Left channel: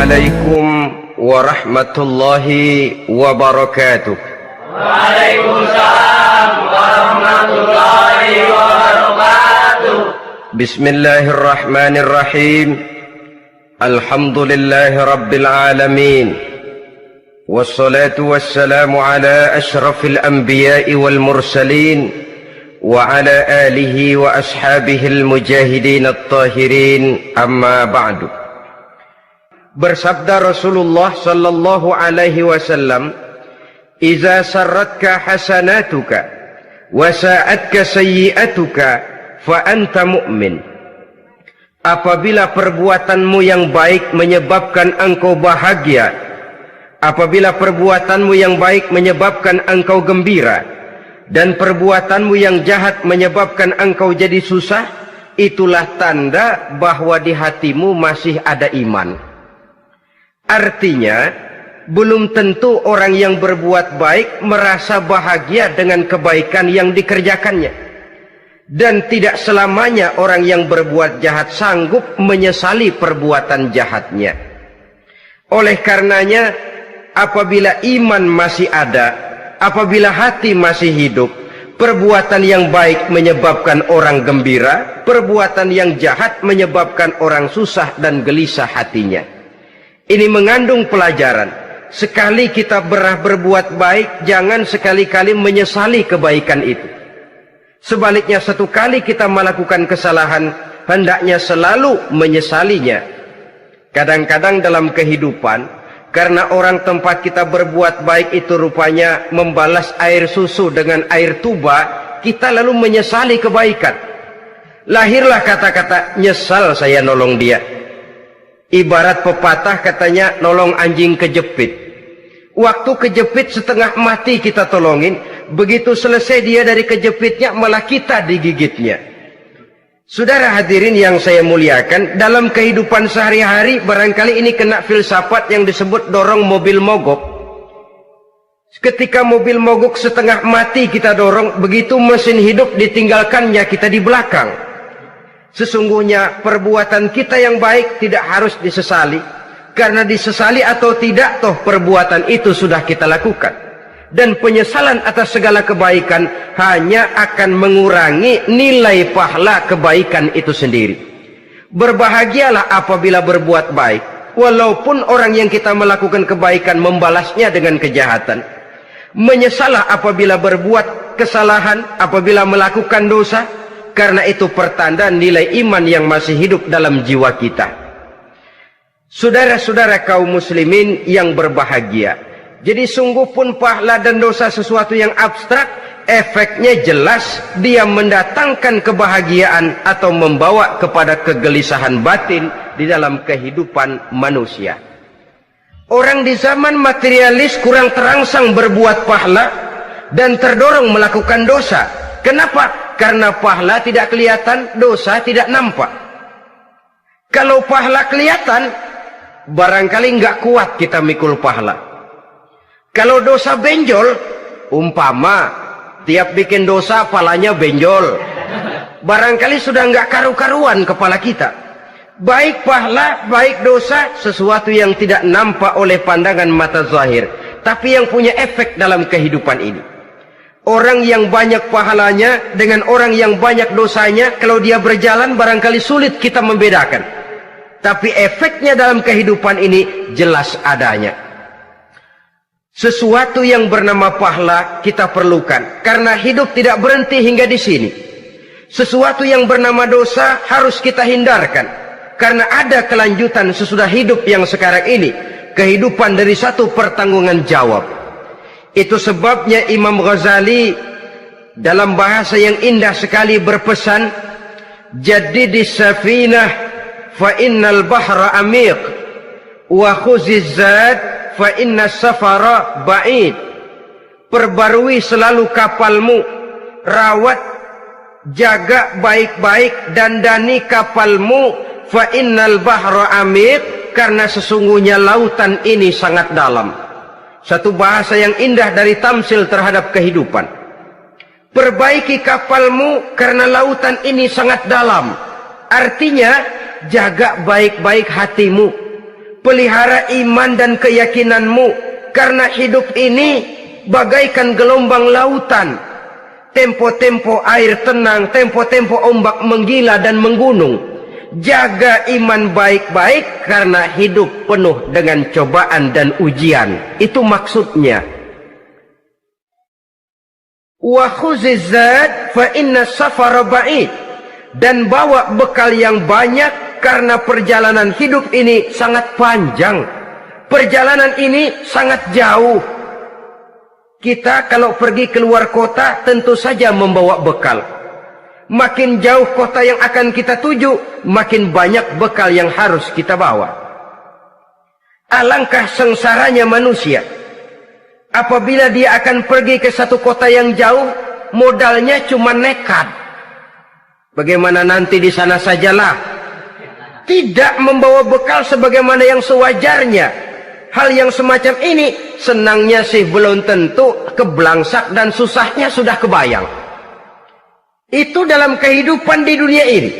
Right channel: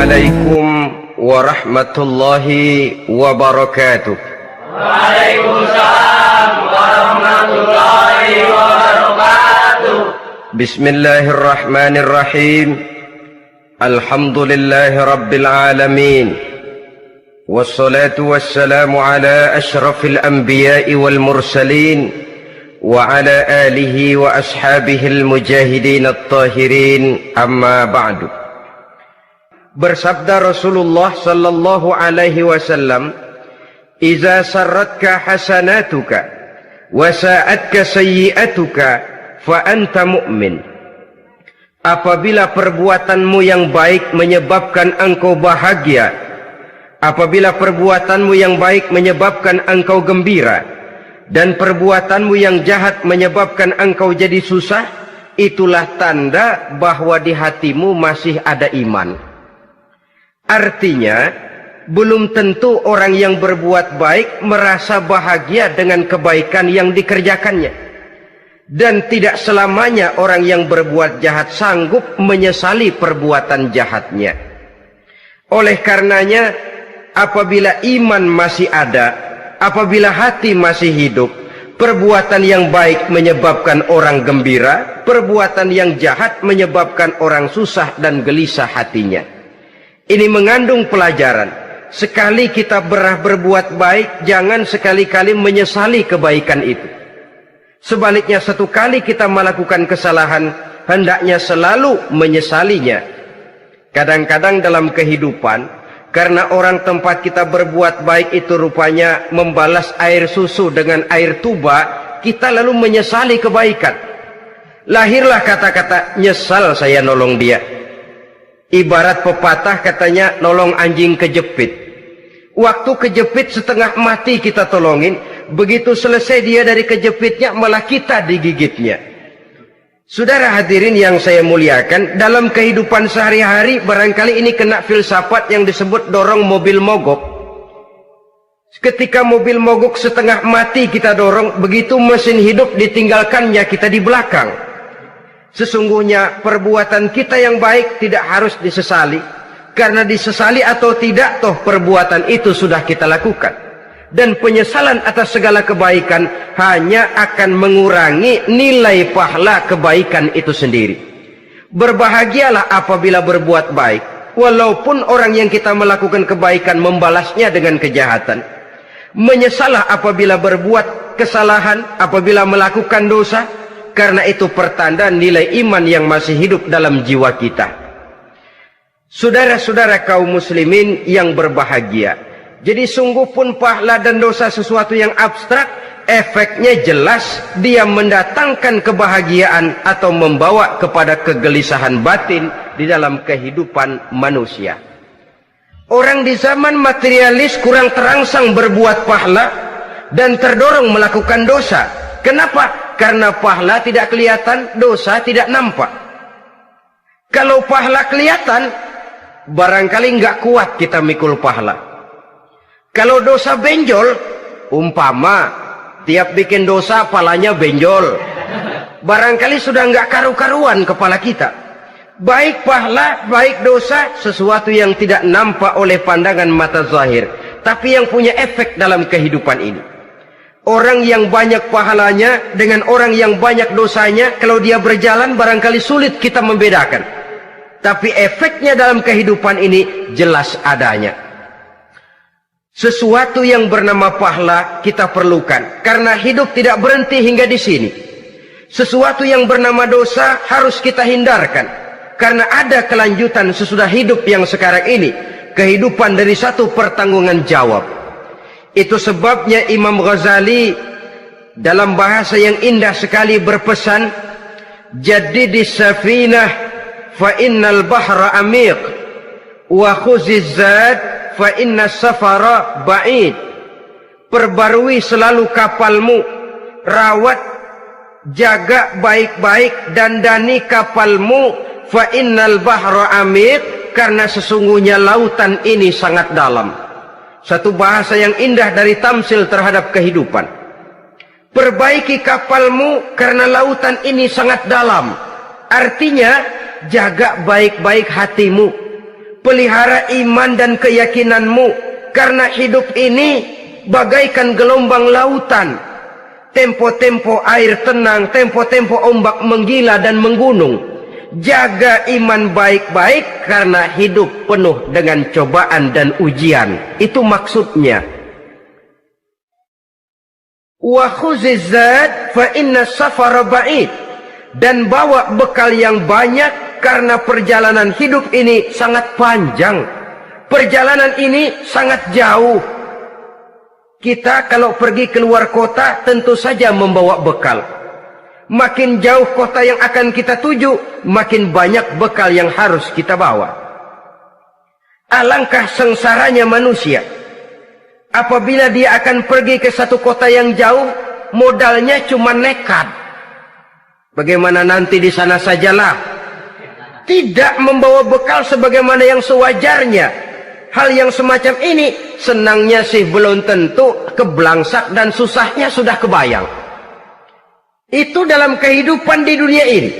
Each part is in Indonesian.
عليكم ورحمة الله وبركاته. وعليكم السلام ورحمة الله وبركاته. بسم الله الرحمن الرحيم. الحمد لله رب العالمين، والصلاة والسلام على أشرف الأنبياء والمرسلين وعلى آله وأصحابه المجاهدين الطاهرين. أما بعد. Bersabda Rasulullah sallallahu alaihi wasallam, "Iza sarratka hasanatuka wa sa'atka sayyi'atuka fa anta mu'min." Apabila perbuatanmu yang baik menyebabkan engkau bahagia, apabila perbuatanmu yang baik menyebabkan engkau gembira, dan perbuatanmu yang jahat menyebabkan engkau jadi susah, itulah tanda bahwa di hatimu masih ada iman. Artinya, belum tentu orang yang berbuat baik merasa bahagia dengan kebaikan yang dikerjakannya. Dan tidak selamanya orang yang berbuat jahat sanggup menyesali perbuatan jahatnya. Oleh karenanya, apabila iman masih ada, apabila hati masih hidup, perbuatan yang baik menyebabkan orang gembira, perbuatan yang jahat menyebabkan orang susah dan gelisah hatinya. Ini mengandung pelajaran. Sekali kita berbuat baik, jangan sekali-kali menyesali kebaikan itu. Sebaliknya, satu kali kita melakukan kesalahan, hendaknya selalu menyesalinya. Kadang-kadang dalam kehidupan, karena orang tempat kita berbuat baik itu rupanya membalas air susu dengan air tuba, kita lalu menyesali kebaikan. Lahirlah kata-kata, "Nyesal saya nolong dia." Ibarat pepatah katanya, nolong anjing kejepit. Waktu kejepit setengah mati kita tolongin, begitu selesai dia dari kejepitnya malah kita digigitnya. Saudara hadirin yang saya muliakan, dalam kehidupan sehari-hari barangkali ini kena filsafat yang disebut dorong mobil mogok. Ketika mobil mogok setengah mati kita dorong, begitu mesin hidup ditinggalkannya kita di belakang. Sesungguhnya perbuatan kita yang baik tidak harus disesali, karena disesali atau tidak, toh perbuatan itu sudah kita lakukan. Dan penyesalan atas segala kebaikan hanya akan mengurangi nilai pahala kebaikan itu sendiri. Berbahagialah apabila berbuat baik, walaupun orang yang kita melakukan kebaikan membalasnya dengan kejahatan. Menyesalah apabila berbuat kesalahan, apabila melakukan dosa, karena itu pertanda nilai iman yang masih hidup dalam jiwa kita. Saudara-saudara kaum muslimin yang berbahagia, jadi sungguh pun pahala dan dosa sesuatu yang abstrak, efeknya jelas dia mendatangkan kebahagiaan atau membawa kepada kegelisahan batin di dalam kehidupan manusia. Orang di zaman materialis kurang terangsang berbuat pahala dan terdorong melakukan dosa. Kenapa? Karena pahala tidak kelihatan, dosa tidak nampak. Kalau pahala kelihatan, barangkali nggak kuat kita mikul pahala. Kalau dosa benjol, umpama tiap bikin dosa palanya benjol, barangkali sudah nggak karu-karuan kepala kita. Baik pahala, baik dosa, sesuatu yang tidak nampak oleh pandangan mata zahir, tapi yang punya efek dalam kehidupan ini. Orang yang banyak pahalanya dengan orang yang banyak dosanya, kalau dia berjalan barangkali sulit kita membedakan. Tapi efeknya dalam kehidupan ini jelas adanya. Sesuatu yang bernama pahala kita perlukan, karena hidup tidak berhenti hingga di sini. Sesuatu yang bernama dosa harus kita hindarkan, karena ada kelanjutan sesudah hidup yang sekarang ini. Kehidupan dari satu pertanggungan jawab. Itu sebabnya Imam Ghazali dalam bahasa yang indah sekali berpesan, "Jaddidis safinah fa innal bahra amiq wa khuziz zad fa innas safara ba'id." Perbarui selalu kapalmu, rawat, jaga baik-baik, dandani kapalmu, fa innal bahra amiq, karena sesungguhnya lautan ini sangat dalam. Satu bahasa yang indah dari tamsil terhadap kehidupan. Perbaiki kapalmu karena lautan ini sangat dalam. Artinya, jaga baik-baik hatimu. pelihara iman dan keyakinanmu, karena hidup ini bagaikan gelombang lautan, tempo-tempo air tenang, tempo-tempo ombak menggila dan menggunung. Jaga iman baik-baik karena hidup penuh dengan cobaan dan ujian. Itu maksudnya. Wa khuziz zad fa inna safara ba'id. Dan bawa bekal yang banyak karena perjalanan hidup ini sangat panjang. Perjalanan ini sangat jauh. Kita kalau pergi keluar kota tentu saja membawa bekal. Makin jauh kota yang akan kita tuju, makin banyak bekal yang harus kita bawa. Alangkah sengsaranya manusia apabila dia akan pergi ke satu kota yang jauh, modalnya cuma nekat. Bagaimana nanti di sana sajalah. Tidak membawa bekal sebagaimana yang sewajarnya. Hal yang semacam ini senangnya sih belum tentu, keblangsak dan susahnya sudah kebayang. Itu dalam kehidupan di dunia ini.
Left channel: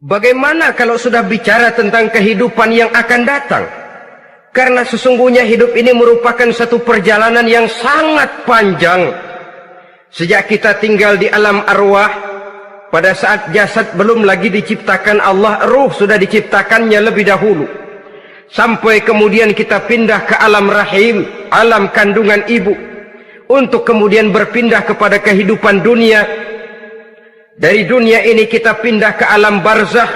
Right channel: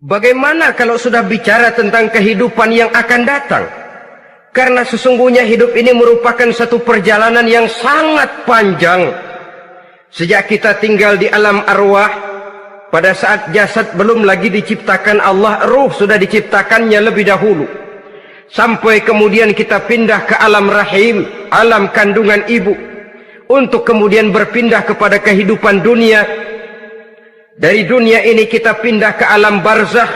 Bagaimana kalau sudah bicara tentang kehidupan yang akan datang? Karena sesungguhnya hidup ini merupakan satu perjalanan yang sangat panjang. Sejak kita tinggal di alam arwah, pada saat jasad belum lagi diciptakan Allah, ruh sudah diciptakannya lebih dahulu. Sampai kemudian kita pindah ke alam rahim, alam kandungan ibu, untuk kemudian berpindah kepada kehidupan dunia. Dari dunia ini kita pindah ke alam barzakh.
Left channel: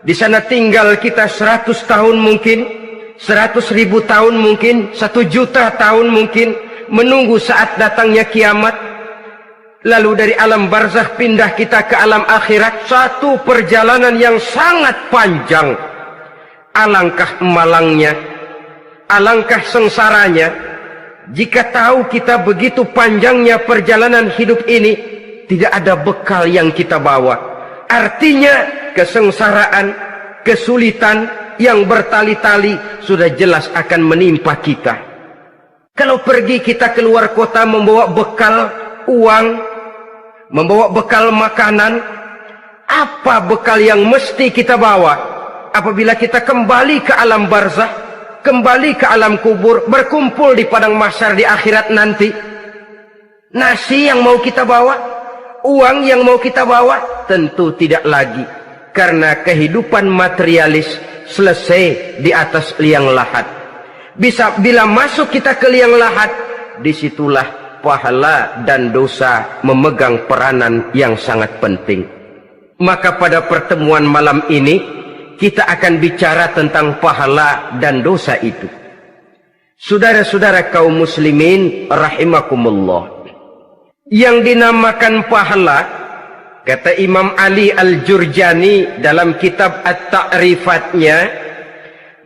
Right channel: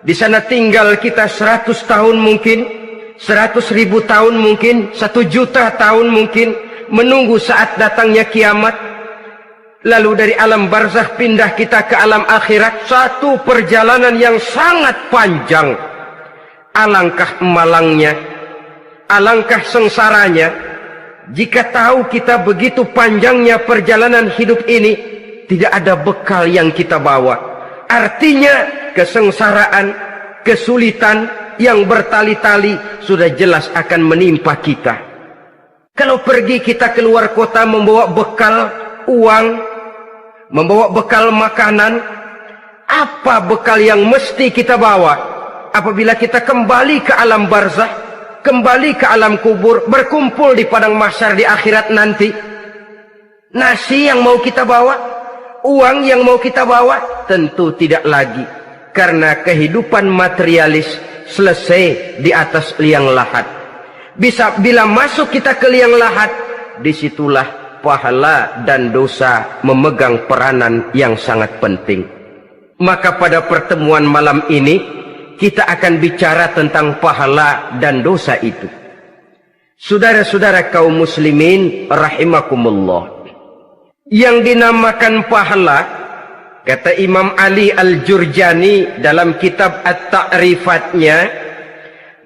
Di sana tinggal kita 100 tahun mungkin, 100.000 tahun mungkin, 1 juta tahun mungkin, menunggu saat datangnya kiamat. Lalu dari alam barzakh pindah kita ke alam akhirat. Satu perjalanan yang sangat panjang. Alangkah malangnya, alangkah sengsaranya jika tahu kita begitu panjangnya perjalanan hidup ini, tidak ada bekal yang kita bawa. Artinya kesengsaraan, kesulitan yang bertali-tali sudah jelas akan menimpa kita. Kalau pergi kita keluar kota membawa bekal uang, membawa bekal makanan, apa bekal yang mesti kita bawa? Apabila kita kembali ke alam barzakh, kembali ke alam kubur, berkumpul di padang mahsyar di akhirat nanti, nasi yang mau kita bawa, uang yang mau kita bawa, tentu tidak lagi. Karena kehidupan materialis selesai di atas liang lahat. Bila masuk kita ke liang lahat, disitulah pahala dan dosa memegang peranan yang sangat penting. Maka pada pertemuan malam ini kita akan bicara tentang pahala dan dosa itu. Saudara-saudara kaum muslimin rahimakumullah, yang dinamakan pahala, kata Imam Ali Al-Jurjani dalam kitab At-Ta'rifatnya,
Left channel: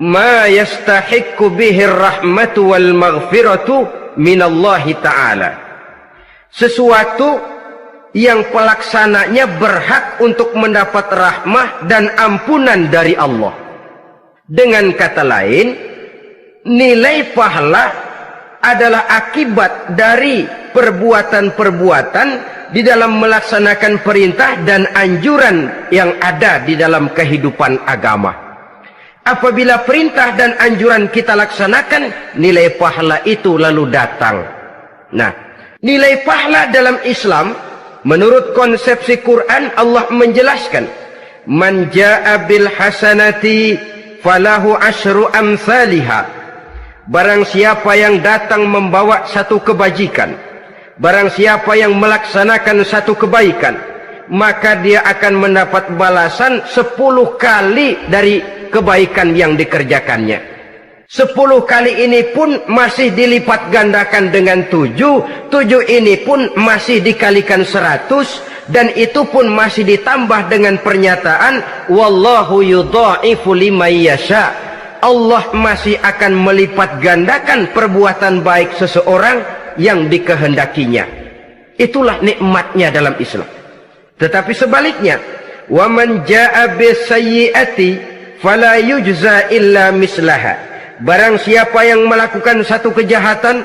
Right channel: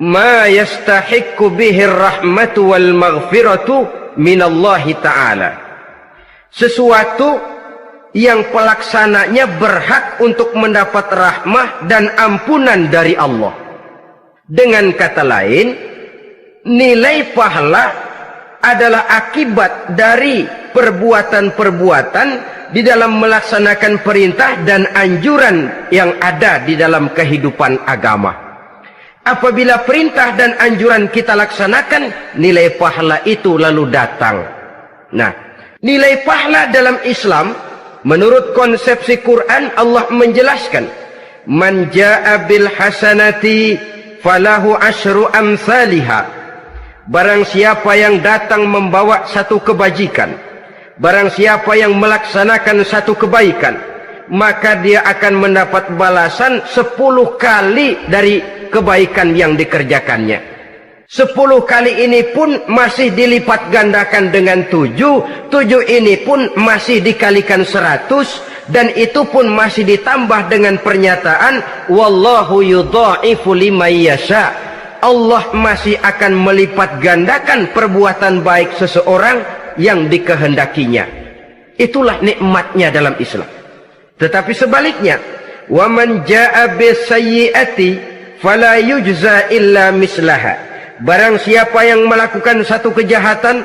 ma yastahiqqu bihi ar-rahmatu wal maghfiratu minallahi ta'ala. Sesuatu yang pelaksananya berhak untuk mendapat rahmah dan ampunan dari Allah. Dengan kata lain, nilai pahala adalah akibat dari perbuatan-perbuatan di dalam melaksanakan perintah dan anjuran yang ada di dalam kehidupan agama. Apabila perintah dan anjuran kita laksanakan, nilai pahala itu lalu datang. Nah, nilai pahala dalam Islam, menurut konsepsi Quran, Allah menjelaskan, man jaa bil hasanati falahu asyru amsalihha. Barang siapa yang datang membawa satu kebajikan, barang siapa yang melaksanakan satu kebaikan, maka dia akan mendapat balasan 10 kali dari kebaikan yang dikerjakannya. 10 kali ini pun masih dilipat gandakan dengan 7. 7 ini pun masih dikalikan 100. Dan itu pun masih ditambah dengan pernyataan, wallahu yudha'ifu liman yasha. Allah masih akan melipat gandakan perbuatan baik seseorang yang dikehendakinya. Itulah nikmatnya dalam Islam. Tetapi sebaliknya, wa man jaa'a bisayyi'ati fala yujza illa mislaha. Barang siapa yang melakukan satu kejahatan,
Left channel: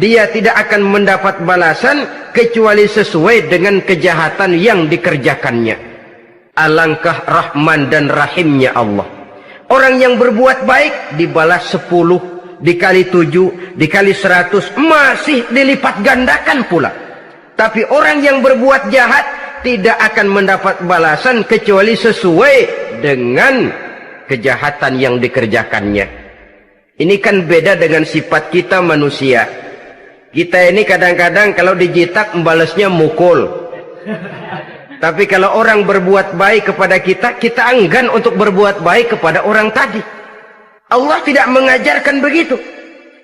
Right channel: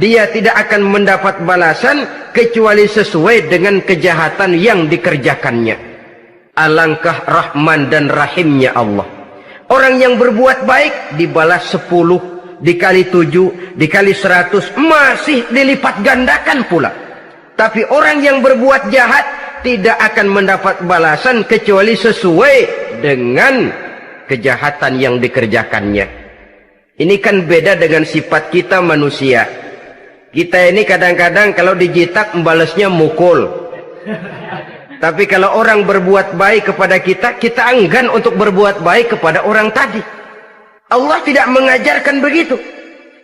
dia tidak akan mendapat balasan kecuali sesuai dengan kejahatan yang dikerjakannya. Alangkah rahman dan rahimnya Allah. Orang yang berbuat baik dibalas 10, dikali 7, dikali 100, masih dilipat gandakan pula. Tapi orang yang berbuat jahat tidak akan mendapat balasan kecuali sesuai dengan kejahatan yang dikerjakannya. Ini kan beda dengan sifat kita manusia. Kita ini kadang-kadang kalau dijitak membalasnya mukul. Tapi kalau orang berbuat baik kepada kita, kita enggan untuk berbuat baik kepada orang tadi. Allah tidak mengajarkan begitu.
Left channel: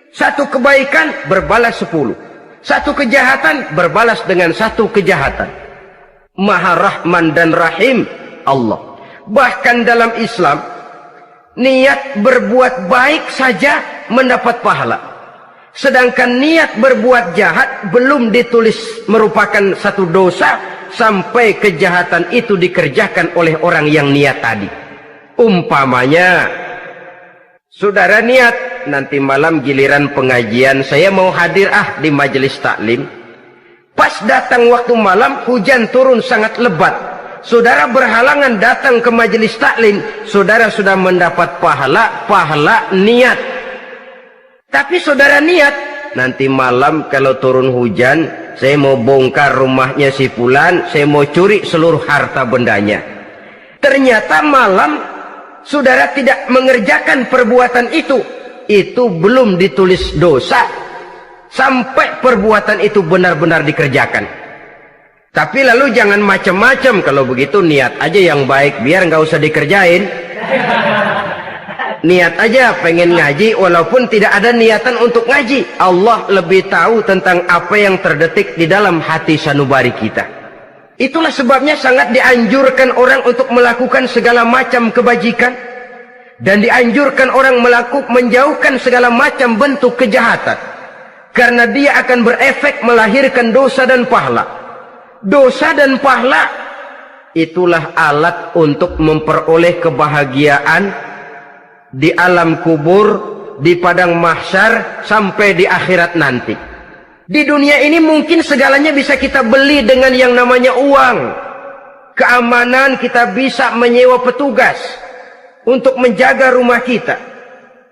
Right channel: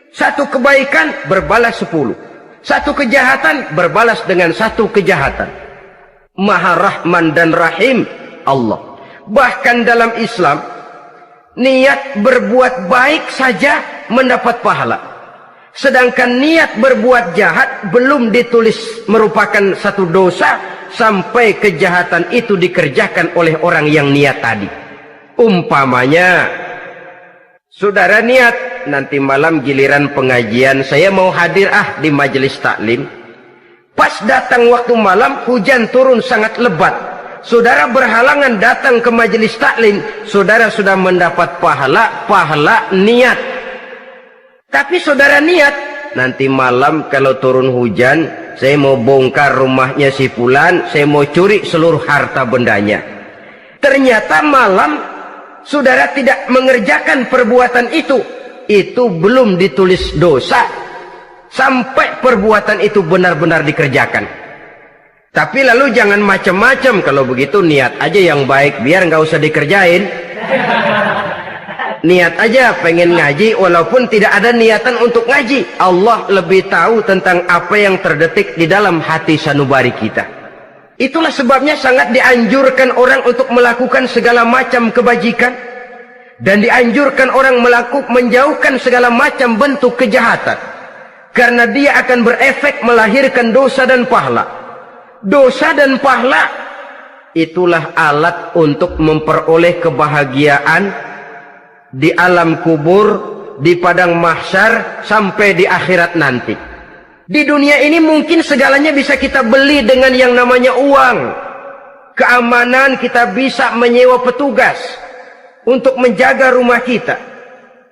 Satu kebaikan berbalas 10. Satu kejahatan berbalas dengan satu kejahatan. Maha Rahman dan Rahim Allah. Bahkan dalam Islam, niat berbuat baik saja mendapat pahala. Sedangkan niat berbuat jahat belum ditulis merupakan satu dosa sampai kejahatan itu dikerjakan oleh orang yang niat tadi. Umpamanya, saudara niat nanti malam giliran pengajian saya mau hadir di majelis taklim. Pas datang waktu malam hujan turun sangat lebat. Saudara berhalangan datang ke majelis taklim, saudara sudah mendapat pahala niat. Tapi saudara niat nanti malam kalau turun hujan, saya mau bongkar rumahnya si fulan, saya mau curi seluruh harta bendanya. Ternyata malam saudara tidak mengerjakan perbuatan itu belum ditulis dosa sampai perbuatan itu benar-benar dikerjakan. Tapi lalu jangan macam-macam. Kalau begitu niat aja yang baik, biar nggak usah dikerjain. Niat aja pengen ngaji walaupun tidak ada niatan untuk ngaji. Allah lebih tahu tentang apa yang terdetik di dalam hati sanubari kita. Itulah sebabnya sangat dianjurkan orang untuk melakukan segala macam kebajikan, dan dianjurkan orang menjauhkan segala macam bentuk kejahatan, karena dia akan berefek melahirkan dosa dan pahala. Dosa dan pahala itulah alat untuk memperoleh kebahagiaan di alam kubur, di padang mahsyar, sampai di akhirat nanti. Di dunia ini mungkin segalanya bisa kita beli dengan yang namanya uang. Keamanan kita bisa menyewa petugas untuk menjaga rumah kita.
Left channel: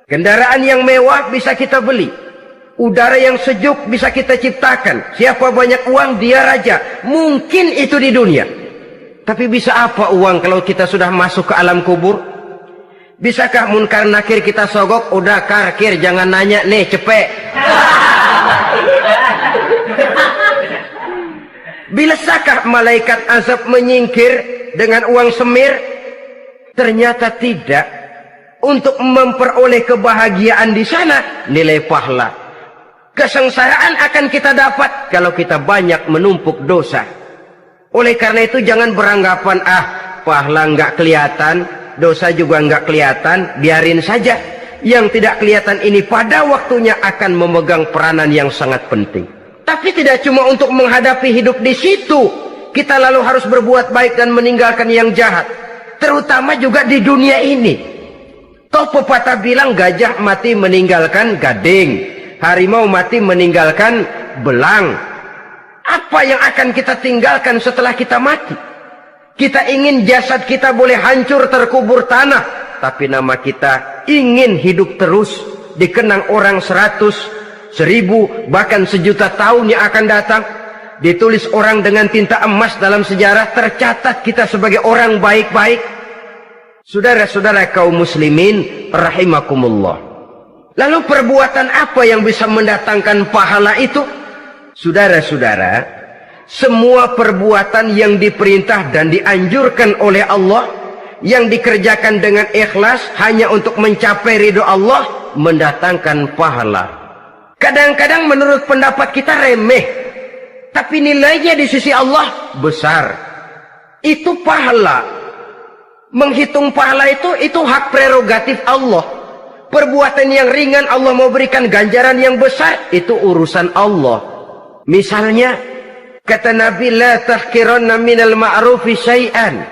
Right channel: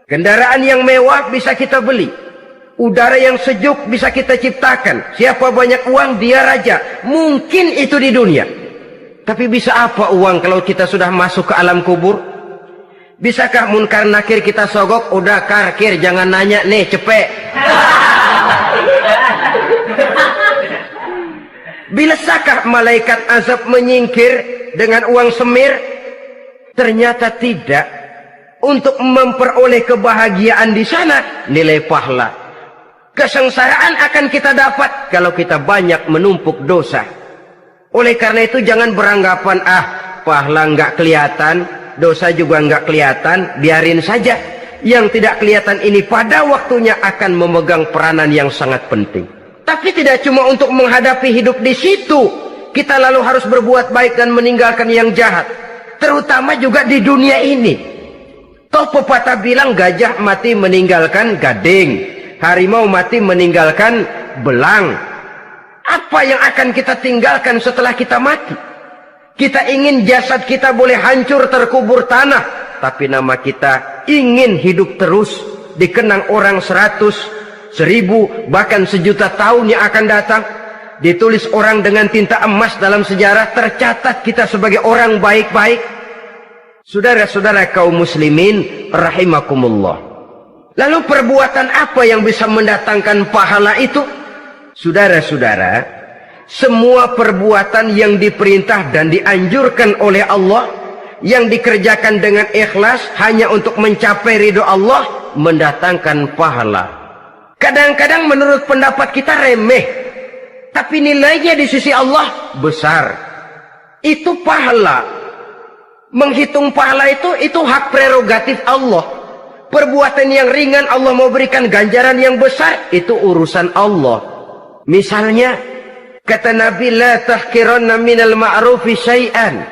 Kendaraan yang mewah bisa kita beli. Udara yang sejuk bisa kita ciptakan. Siapa banyak uang dia raja. Mungkin itu di dunia. Tapi bisa apa uang kalau kita sudah masuk ke alam kubur? Bisakah munkar nakir kita sogok? Udah karkir, jangan nanya nih, cepet. Bisakah malaikat azab menyingkir dengan uang semir? Ternyata tidak. Untuk memperoleh kebahagiaan di sana, nilai pahala. Kesengsaraan akan kita dapat kalau kita banyak menumpuk dosa. Oleh karena itu jangan beranggapan pahala nggak kelihatan, dosa juga nggak kelihatan, biarin saja. Yang tidak kelihatan ini pada waktunya akan memegang peranan yang sangat penting. Tapi tidak cuma untuk menghadapi hidup di situ kita lalu harus berbuat baik dan meninggalkan yang jahat, terutama juga di dunia ini. Toh pepatah bilang gajah mati meninggalkan gading, harimau mati meninggalkan belang. Apa yang akan kita tinggalkan setelah kita mati? Kita ingin jasad kita boleh hancur terkubur tanah, tapi nama kita ingin hidup terus, dikenang orang 100, 1000, bahkan 1.000.000 tahun yang akan datang. Ditulis orang dengan tinta emas dalam sejarah, tercatat kita sebagai orang baik-baik. Saudara-saudara kaum muslimin rahimakumullah. Lalu perbuatan apa yang bisa mendatangkan pahala itu? Saudara-saudara, semua perbuatan yang diperintah dan dianjurkan oleh Allah, yang dikerjakan dengan ikhlas hanya untuk mencapai ridho Allah, mendatangkan pahala. Kadang-kadang menurut pendapat kita remeh, tapi nilainya di sisi Allah besar. Itu pahala. Menghitung pahala itu hak prerogatif Allah. Perbuatan yang ringan Allah mau berikan ganjaran yang besar, itu urusan Allah. Misalnya, kata Nabi, la tahkiranna minal ma'rufi syai'an.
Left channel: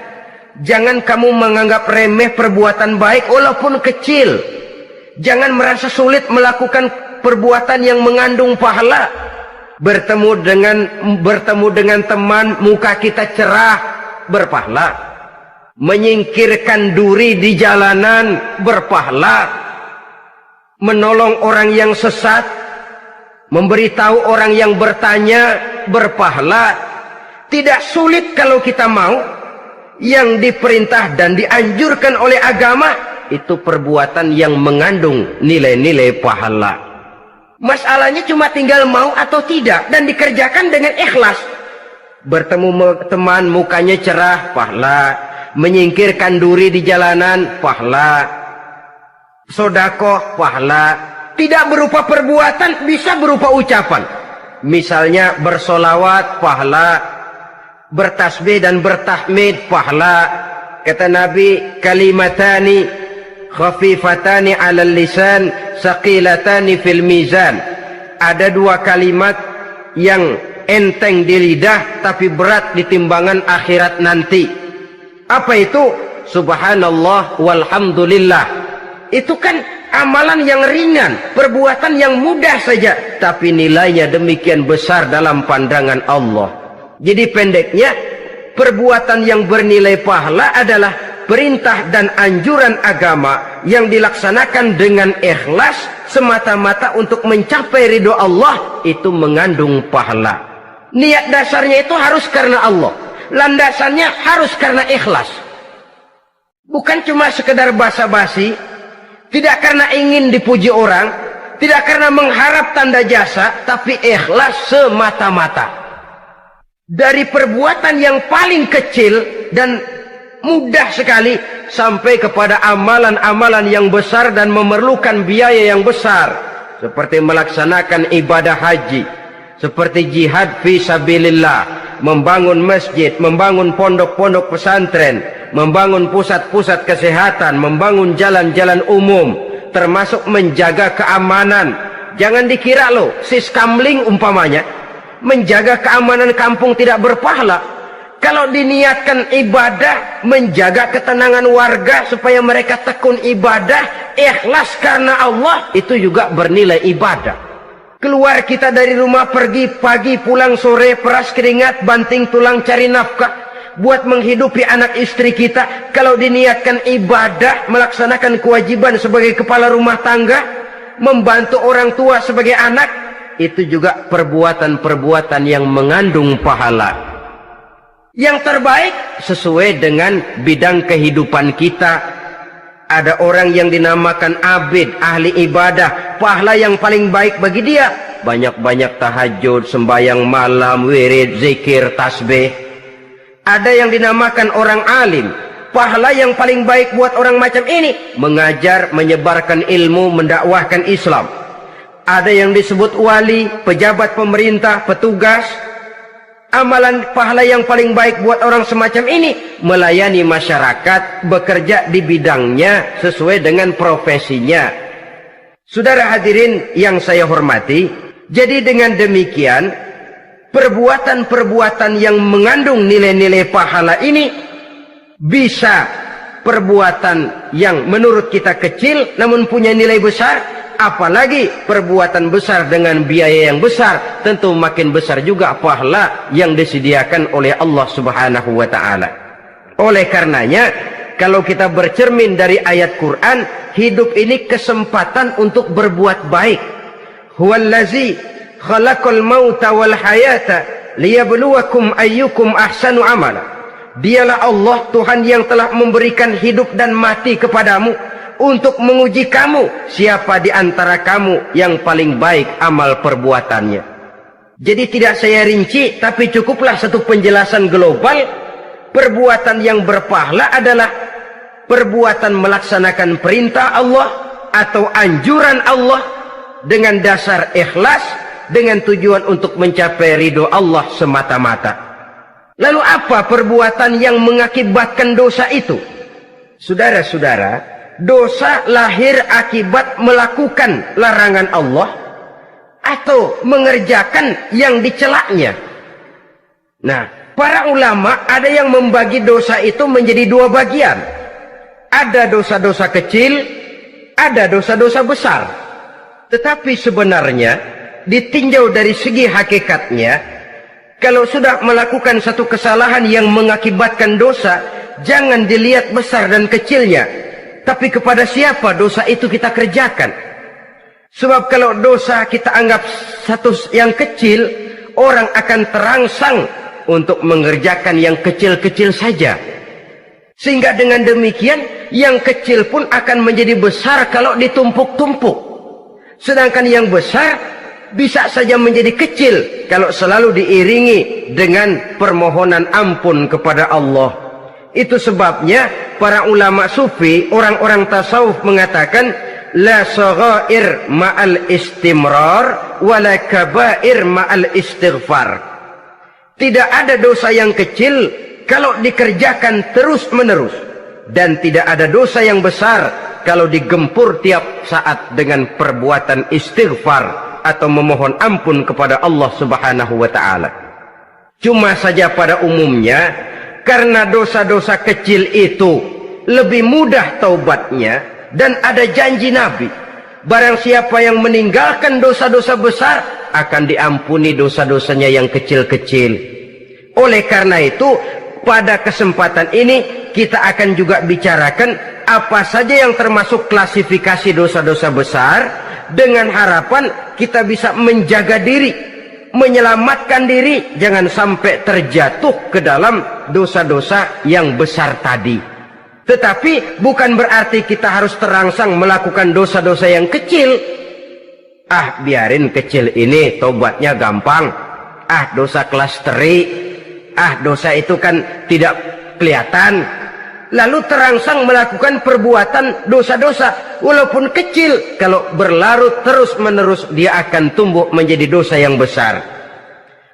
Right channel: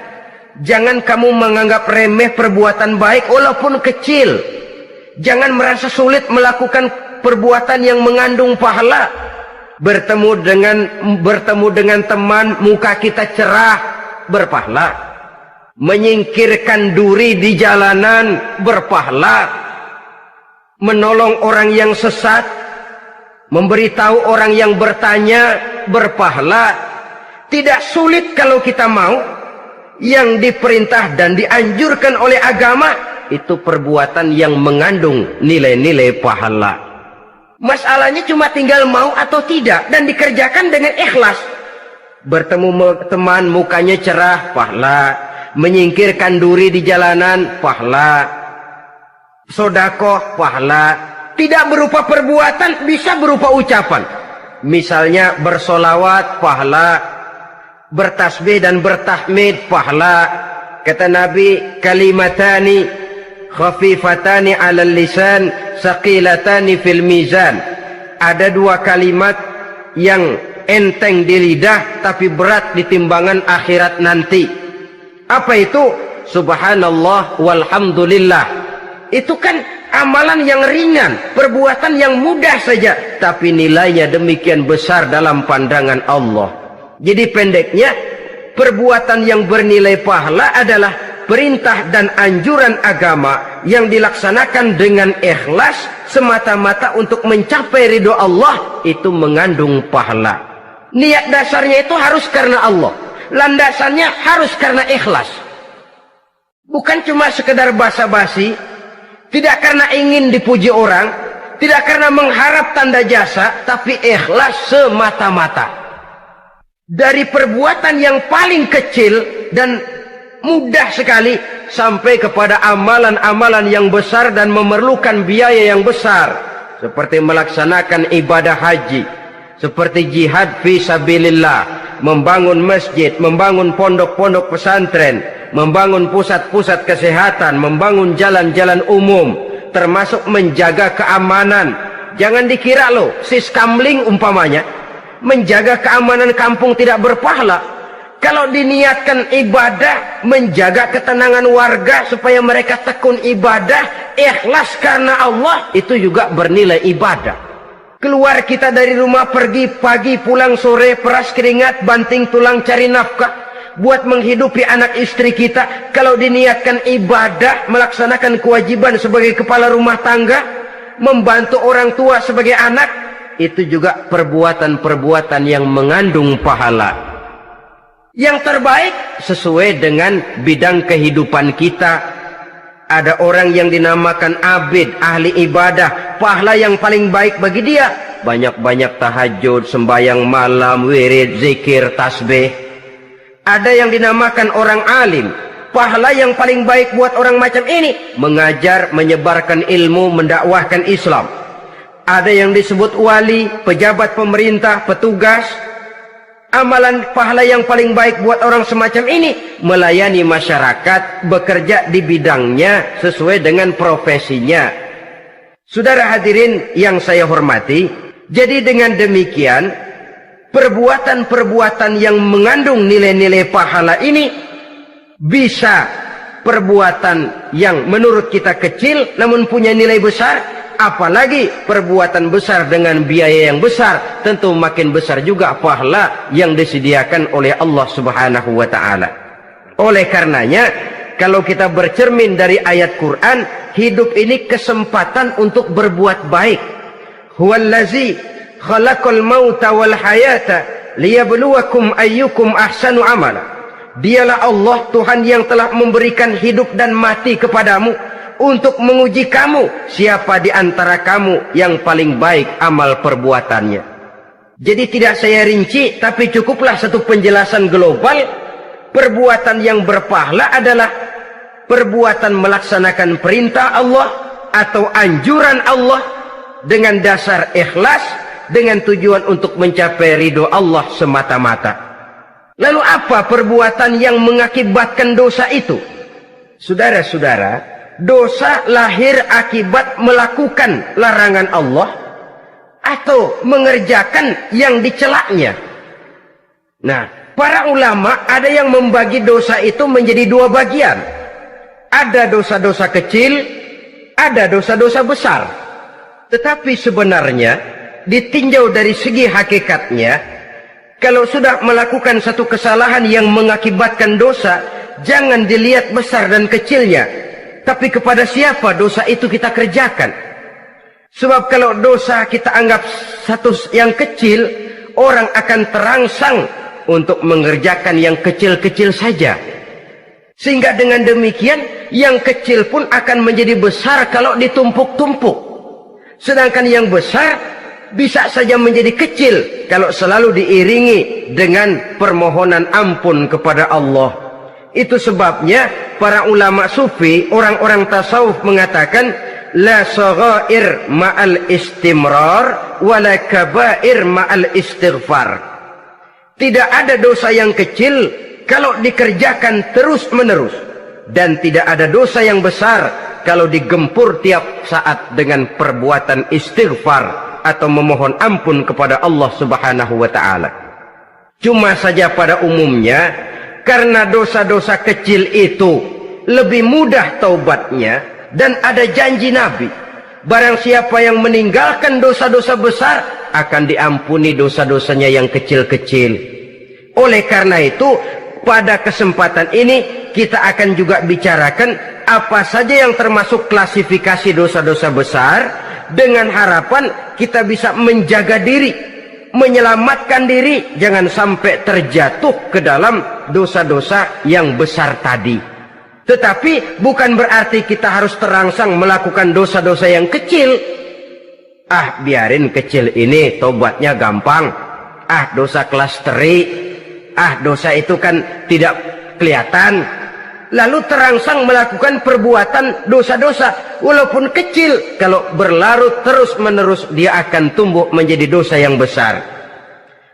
Jangan kamu menganggap remeh perbuatan baik walaupun kecil. Jangan merasa sulit melakukan perbuatan yang mengandung pahala. Bertemu dengan teman, muka kita cerah, berpahala. menyingkirkan duri di jalanan berpahala, menolong orang yang sesat, memberitahu orang yang bertanya berpahala. Tidak sulit kalau kita mau. Yang diperintah dan dianjurkan oleh agama itu perbuatan yang mengandung nilai-nilai pahala. Masalahnya cuma tinggal mau atau tidak dan dikerjakan dengan ikhlas. Bertemu teman mukanya cerah, pahala. Menyingkirkan duri di jalanan, pahala. Sodakoh, pahala. Tidak berupa perbuatan, bisa berupa ucapan. Misalnya bersolawat, pahala. Bertasbih dan bertahmid, pahala. Kata Nabi, kalimatani khafifatani 'alal lisan saqilatani fil mizan. Ada dua kalimat yang enteng di lidah tapi berat di timbangan akhirat nanti. Apa itu? Subhanallah walhamdulillah. Itu kan amalan yang ringan, perbuatan yang mudah saja, tapi nilainya demikian besar dalam pandangan Allah. Jadi pendeknya, perbuatan yang bernilai pahala adalah perintah dan anjuran agama yang dilaksanakan dengan ikhlas semata-mata untuk mencapai ridho Allah, itu mengandung pahala. Niat dasarnya itu harus karena Allah, landasannya harus karena ikhlas. Bukan cuma sekedar basa-basi, tidak karena ingin dipuji orang, tidak karena mengharap tanda jasa, tapi ikhlas semata-mata. Dari perbuatan yang paling kecil dan mudah sekali sampai kepada amalan-amalan yang besar dan memerlukan biaya yang besar, seperti melaksanakan ibadah haji, seperti jihad fi sabilillah, membangun masjid, membangun pondok-pondok pesantren, membangun pusat-pusat kesehatan, membangun jalan-jalan umum, termasuk menjaga keamanan. Jangan dikira loh, siskamling umpamanya, menjaga keamanan kampung tidak berpahala. Kalau diniatkan ibadah, menjaga ketenangan warga supaya mereka tekun ibadah, ikhlas karena Allah, itu juga bernilai ibadah. Keluar kita dari rumah, pergi pagi, pulang sore, peras keringat, banting tulang cari nafkah buat menghidupi anak istri kita. Kalau diniatkan ibadah, melaksanakan kewajiban sebagai kepala rumah tangga, membantu orang tua sebagai anak, itu juga perbuatan-perbuatan yang mengandung pahala. Yang terbaik sesuai dengan bidang kehidupan kita. Ada orang yang dinamakan abid, ahli ibadah, pahala yang paling baik bagi dia banyak-banyak tahajud, sembahyang malam, wirid, zikir, tasbih. Ada yang dinamakan orang alim, pahala yang paling baik buat orang macam ini mengajar, menyebarkan ilmu, mendakwahkan Islam. Ada yang disebut wali, pejabat pemerintah, petugas. Amalan pahala yang paling baik buat orang semacam ini melayani masyarakat, bekerja di bidangnya sesuai dengan profesinya. Saudara hadirin yang saya hormati, jadi dengan demikian perbuatan-perbuatan yang mengandung nilai-nilai pahala ini bisa perbuatan yang menurut kita kecil namun punya nilai besar. Apalagi perbuatan besar dengan biaya yang besar, tentu makin besar juga pahala yang disediakan oleh Allah Subhanahu wa ta'ala. Oleh karenanya, kalau kita bercermin dari ayat Quran, hidup ini kesempatan untuk berbuat baik. Huwallazi khalaqal mauta wal hayata liyabluwakum ayyukum ahsanu amala. Dialah Allah, Tuhan yang telah memberikan hidup dan mati kepadamu untuk menguji kamu, siapa di antara kamu yang paling baik amal perbuatannya. Jadi tidak saya rinci, tapi cukuplah satu penjelasan global. Perbuatan yang berpahala adalah perbuatan melaksanakan perintah Allah atau anjuran Allah dengan dasar ikhlas, dengan tujuan untuk mencapai ridho Allah semata-mata. Lalu apa perbuatan yang mengakibatkan dosa itu? Saudara-saudara, dosa lahir akibat melakukan larangan Allah atau mengerjakan yang dicelaknya. Nah, para ulama ada yang membagi dosa itu menjadi dua bagian. Ada dosa-dosa kecil, ada dosa-dosa besar. Tetapi sebenarnya ditinjau dari segi hakikatnya, kalau sudah melakukan satu kesalahan yang mengakibatkan dosa, jangan dilihat besar dan kecilnya, tapi kepada siapa dosa itu kita kerjakan. Sebab kalau dosa kita anggap satu yang kecil, orang akan terangsang untuk mengerjakan yang kecil-kecil saja. Sehingga dengan demikian yang kecil pun akan menjadi besar kalau ditumpuk-tumpuk. Sedangkan yang besar bisa saja menjadi kecil kalau selalu diiringi dengan permohonan ampun kepada Allah. Itu sebabnya para ulama sufi, orang-orang tasawuf mengatakan la saghair ma'al istimrar wala kabair ma'al istighfar. Tidak ada dosa yang kecil kalau dikerjakan terus-menerus, dan tidak ada dosa yang besar kalau digempur tiap saat dengan perbuatan istighfar atau memohon ampun kepada Allah Subhanahu wa taala. Cuma saja pada umumnya karena dosa-dosa kecil itu lebih mudah taubatnya, dan ada janji Nabi, barang siapa yang meninggalkan dosa-dosa besar akan diampuni dosa-dosanya yang kecil-kecil. Oleh karena itu pada kesempatan ini kita akan juga bicarakan apa saja yang termasuk klasifikasi dosa-dosa besar, dengan harapan kita bisa menjaga diri, menyelamatkan diri, jangan sampai terjatuh ke dalam dosa-dosa yang besar tadi. Tetapi bukan berarti kita harus terangsang melakukan dosa-dosa yang kecil. Biarin kecil ini, tobatnya gampang. Dosa kelas teri. Dosa itu kan tidak kelihatan. Lalu terangsang melakukan perbuatan dosa-dosa walaupun kecil, kalau berlarut terus-menerus dia akan tumbuh menjadi dosa yang besar.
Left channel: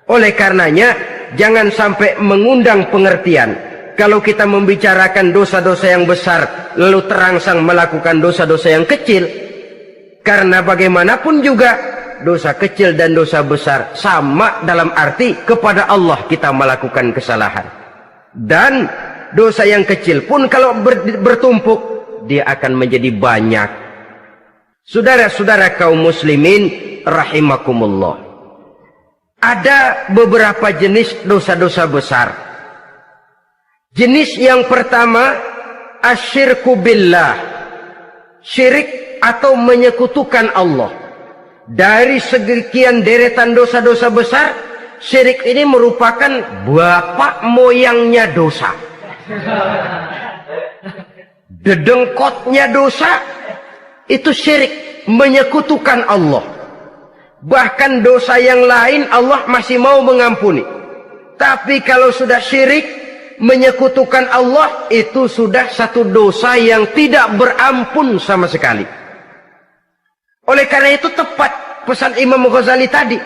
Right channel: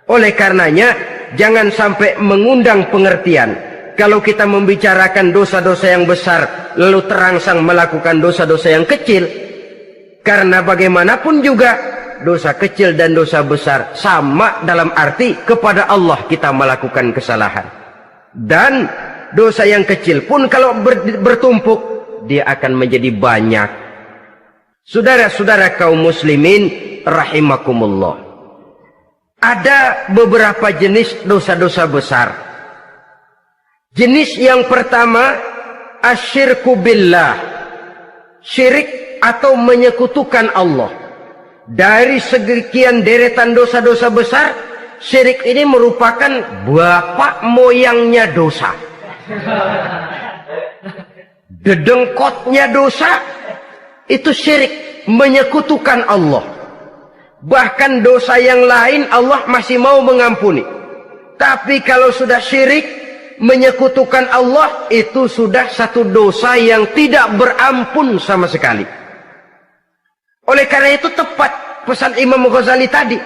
Oleh karenanya jangan sampai mengundang pengertian kalau kita membicarakan dosa-dosa yang besar lalu terangsang melakukan dosa-dosa yang kecil. Karena bagaimanapun juga dosa kecil dan dosa besar sama dalam arti kepada Allah kita melakukan kesalahan. Dan dosa yang kecil pun kalau bertumpuk dia akan menjadi banyak. Saudara-saudara kaum muslimin rahimakumullah, ada beberapa jenis dosa-dosa besar. Jenis yang pertama asyirku billah, syirik atau menyekutukan Allah. Dari sekian deretan dosa-dosa besar, syirik ini merupakan bapak moyangnya dosa. Dedengkotnya dosa itu syirik, menyekutukan Allah. Bahkan dosa yang lain Allah masih mau mengampuni, tapi kalau sudah syirik, menyekutukan Allah, itu sudah satu dosa yang tidak berampun sama sekali. Oleh karena itu tepat pesan Imam Ghazali tadi,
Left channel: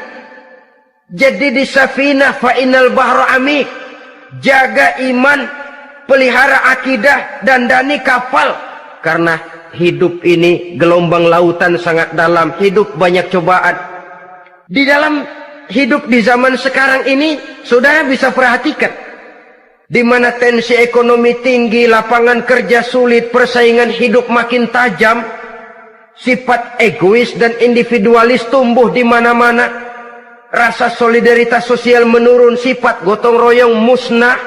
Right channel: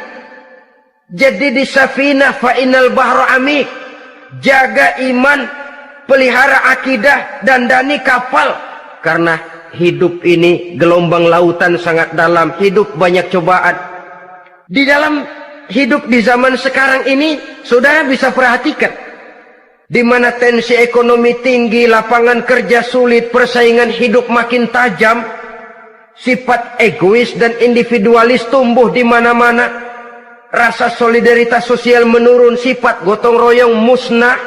jadi di safinah fa innal bahra amik, jaga iman, pelihara akidah, dandani kapal, karena hidup ini gelombang lautan sangat dalam, hidup banyak cobaan. Di dalam hidup di zaman sekarang ini, saudara bisa perhatikan, di mana tensi ekonomi tinggi, lapangan kerja sulit, persaingan hidup makin tajam, sifat egois dan individualis tumbuh di mana-mana, rasa solidaritas sosial menurun, sifat gotong royong musnah,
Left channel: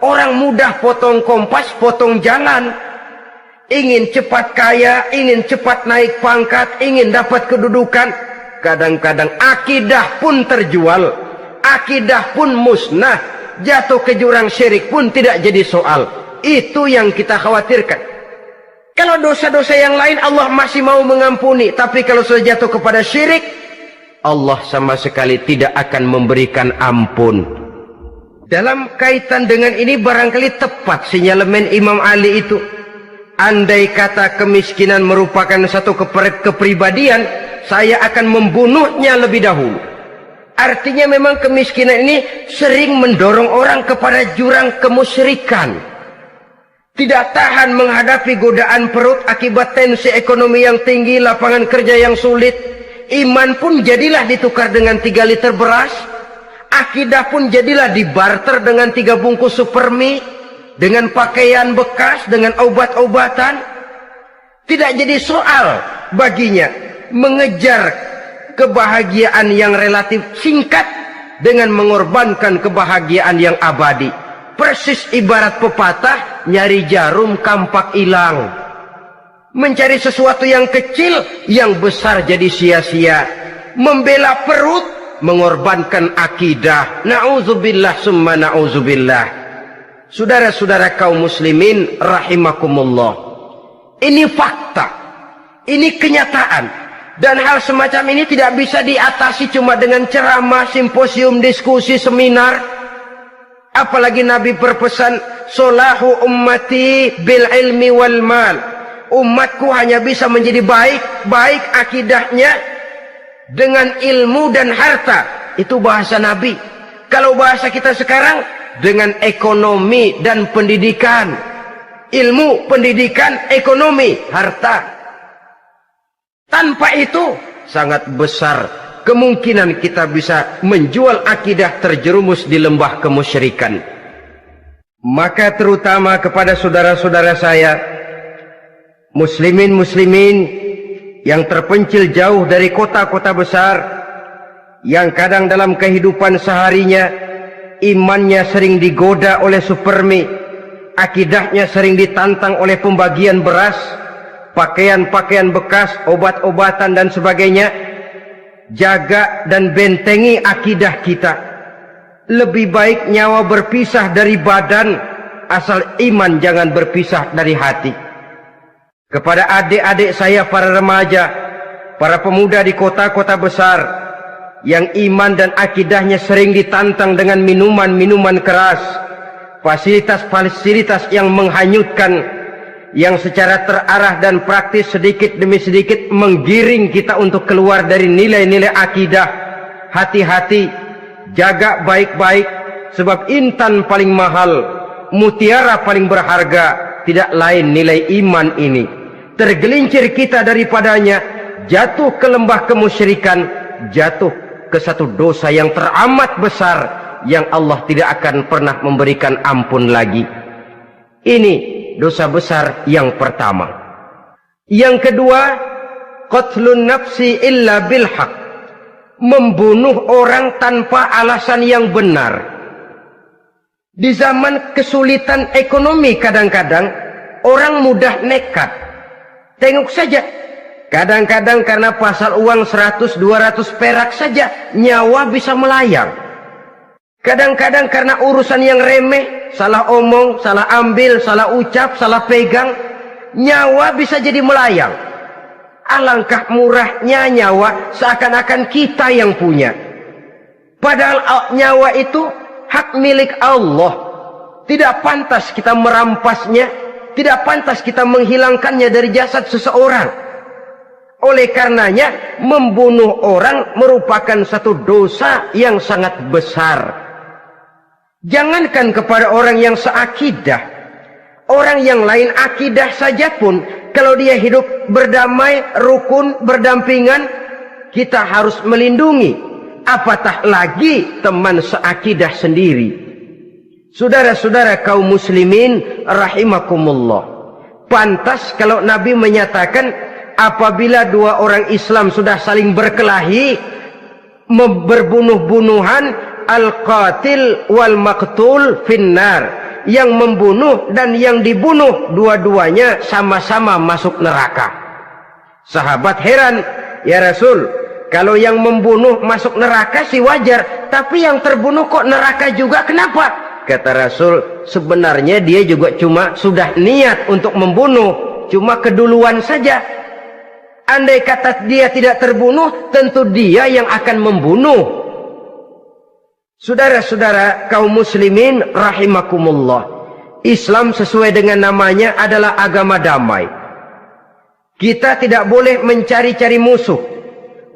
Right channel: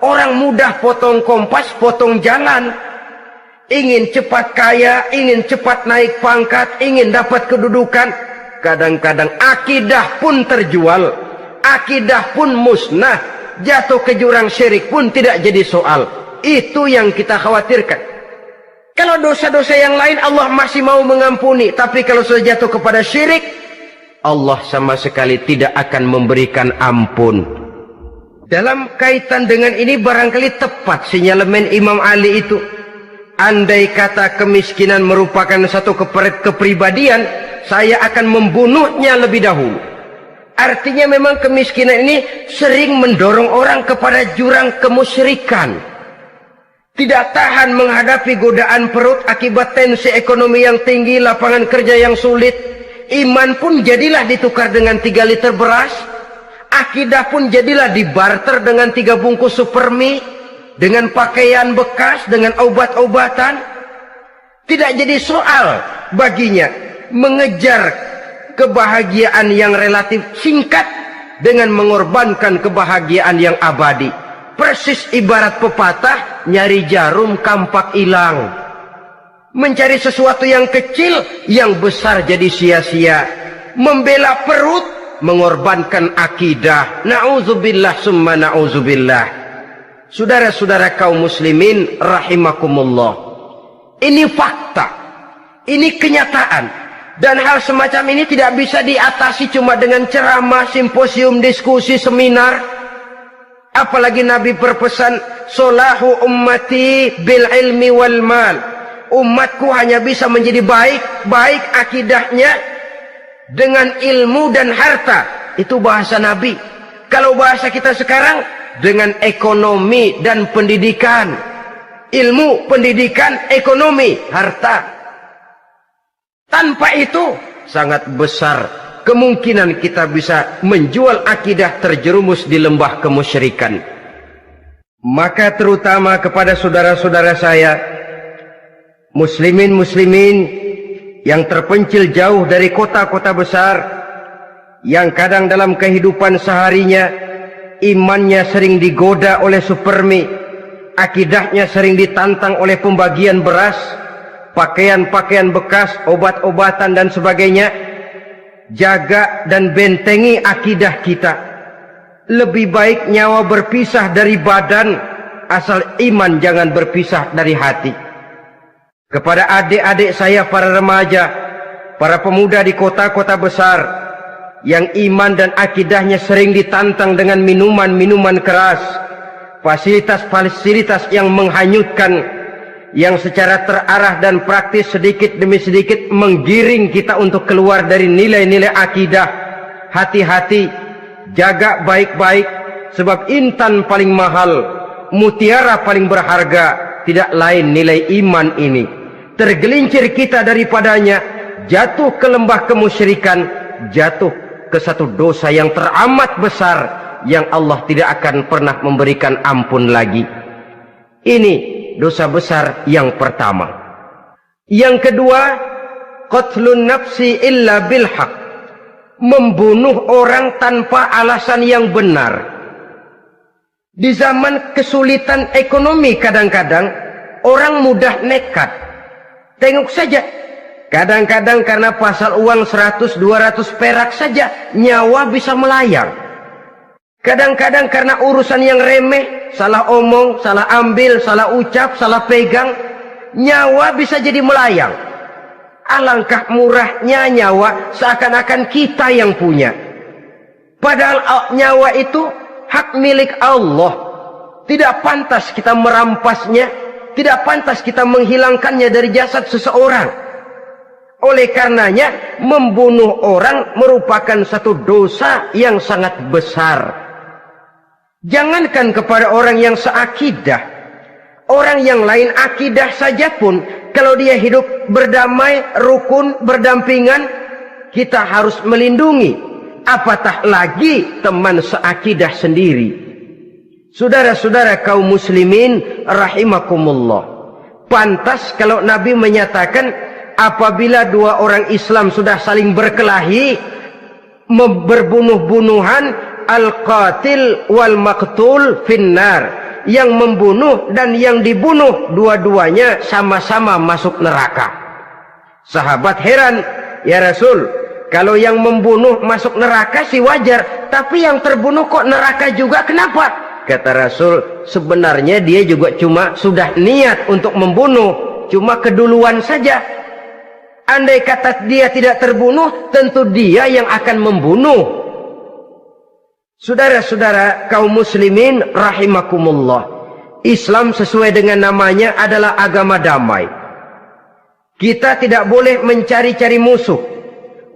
orang mudah potong kompas, potong jalan, ingin cepat kaya, ingin cepat naik pangkat, ingin dapat kedudukan. Kadang-kadang akidah pun terjual, akidah pun musnah, jatuh ke jurang syirik pun tidak jadi soal. Itu yang kita khawatirkan. Kalau dosa-dosa yang lain Allah masih mau mengampuni, tapi kalau sudah jatuh kepada syirik, Allah sama sekali tidak akan memberikan ampun. Dalam kaitan dengan ini barangkali tepat sinyalemen Imam Ali itu. Andai kata kemiskinan merupakan satu kepribadian, saya akan membunuhnya lebih dahulu. Artinya memang kemiskinan ini sering mendorong orang kepada jurang kemusyrikan. Tidak tahan menghadapi godaan perut akibat tensi ekonomi yang tinggi, lapangan kerja yang sulit. Iman pun jadilah ditukar dengan 3 liter beras. Akidah pun jadilah dibarter dengan 3 bungkus supermi, dengan pakaian bekas, dengan obat-obatan. Tidak jadi soal baginya mengejar kebahagiaan yang relatif singkat dengan mengorbankan kebahagiaan yang abadi. Persis ibarat pepatah, nyari jarum kampak hilang. Mencari sesuatu yang kecil, yang besar jadi sia-sia. Membela perut, mengorbankan akidah. Na'udzubillah summa na'udzubillah. Saudara-saudara kaum muslimin rahimakumullah. Ini fakta. Ini kenyataan. Dan hal semacam ini tidak bisa diatasi cuma dengan ceramah, simposium, diskusi, seminar. Apalagi Nabi berpesan, solahu ummati bil ilmi wal mal. Umatku hanya bisa menjadi baik akidahnya dengan ilmu dan harta. Itu bahasa Nabi. Kalau bahasa kita sekarang, dengan ekonomi dan pendidikan. Ilmu, pendidikan, ekonomi, harta. Tanpa itu sangat besar kemungkinan kita bisa menjual akidah terjerumus di lembah kemusyrikan. Maka terutama kepada saudara-saudara saya, muslimin yang terpencil jauh dari kota-kota besar, yang kadang dalam kehidupan seharinya imannya sering digoda oleh supermi, akidahnya sering ditantang oleh pembagian beras, pakaian-pakaian bekas, obat-obatan dan sebagainya. Jaga dan bentengi akidah kita. Lebih baik nyawa berpisah dari badan, asal iman jangan berpisah dari hati. Kepada adik-adik saya para remaja, para pemuda di kota-kota besar, yang iman dan akidahnya sering ditantang dengan minuman-minuman keras, fasilitas-fasilitas yang menghanyutkan, yang secara terarah dan praktis sedikit demi sedikit menggiring kita untuk keluar dari nilai-nilai akidah. Hati-hati, jaga baik-baik, sebab intan paling mahal, mutiara paling berharga, tidak lain nilai iman ini. Tergelincir kita daripadanya, jatuh ke lembah kemusyrikan, jatuh ke satu dosa yang teramat besar, yang Allah tidak akan pernah memberikan ampun lagi. Ini dosa besar yang pertama. Yang kedua, qatlun nafsi illa bilhaq. Membunuh orang tanpa alasan yang benar. Di zaman kesulitan ekonomi kadang-kadang orang mudah nekat. Tengok saja, kadang-kadang karena pasal uang 100-200 perak saja nyawa bisa melayang. Kadang-kadang karena urusan yang remeh, salah omong, salah ambil, salah ucap, salah pegang, nyawa bisa jadi melayang. Alangkah murahnya nyawa, seakan-akan kita yang punya. Padahal nyawa itu hak milik Allah. Tidak pantas kita merampasnya, tidak pantas kita menghilangkannya dari jasad seseorang. Oleh karenanya, membunuh orang merupakan satu dosa yang sangat besar. Jangankan kepada orang yang seakidah, orang yang lain akidah saja pun, kalau dia hidup berdamai, rukun, berdampingan, kita harus melindungi. Apatah lagi teman seakidah sendiri. Saudara-saudara kaum muslimin rahimakumullah. Pantas kalau Nabi menyatakan, apabila dua orang Islam sudah saling berkelahi, berbunuh-bunuhan, al-qatil wal maqtul finnar, yang membunuh dan yang dibunuh dua-duanya sama-sama masuk neraka. Sahabat heran, ya Rasul, kalau yang membunuh masuk neraka sih wajar, tapi yang terbunuh kok neraka juga, kenapa? Kata Rasul, sebenarnya dia juga cuma sudah niat untuk membunuh, cuma keduluan saja. Andai kata dia tidak terbunuh, tentu dia yang akan membunuh. Saudara-saudara kaum muslimin rahimakumullah, Islam sesuai dengan namanya adalah agama damai. Kita tidak boleh mencari-cari musuh,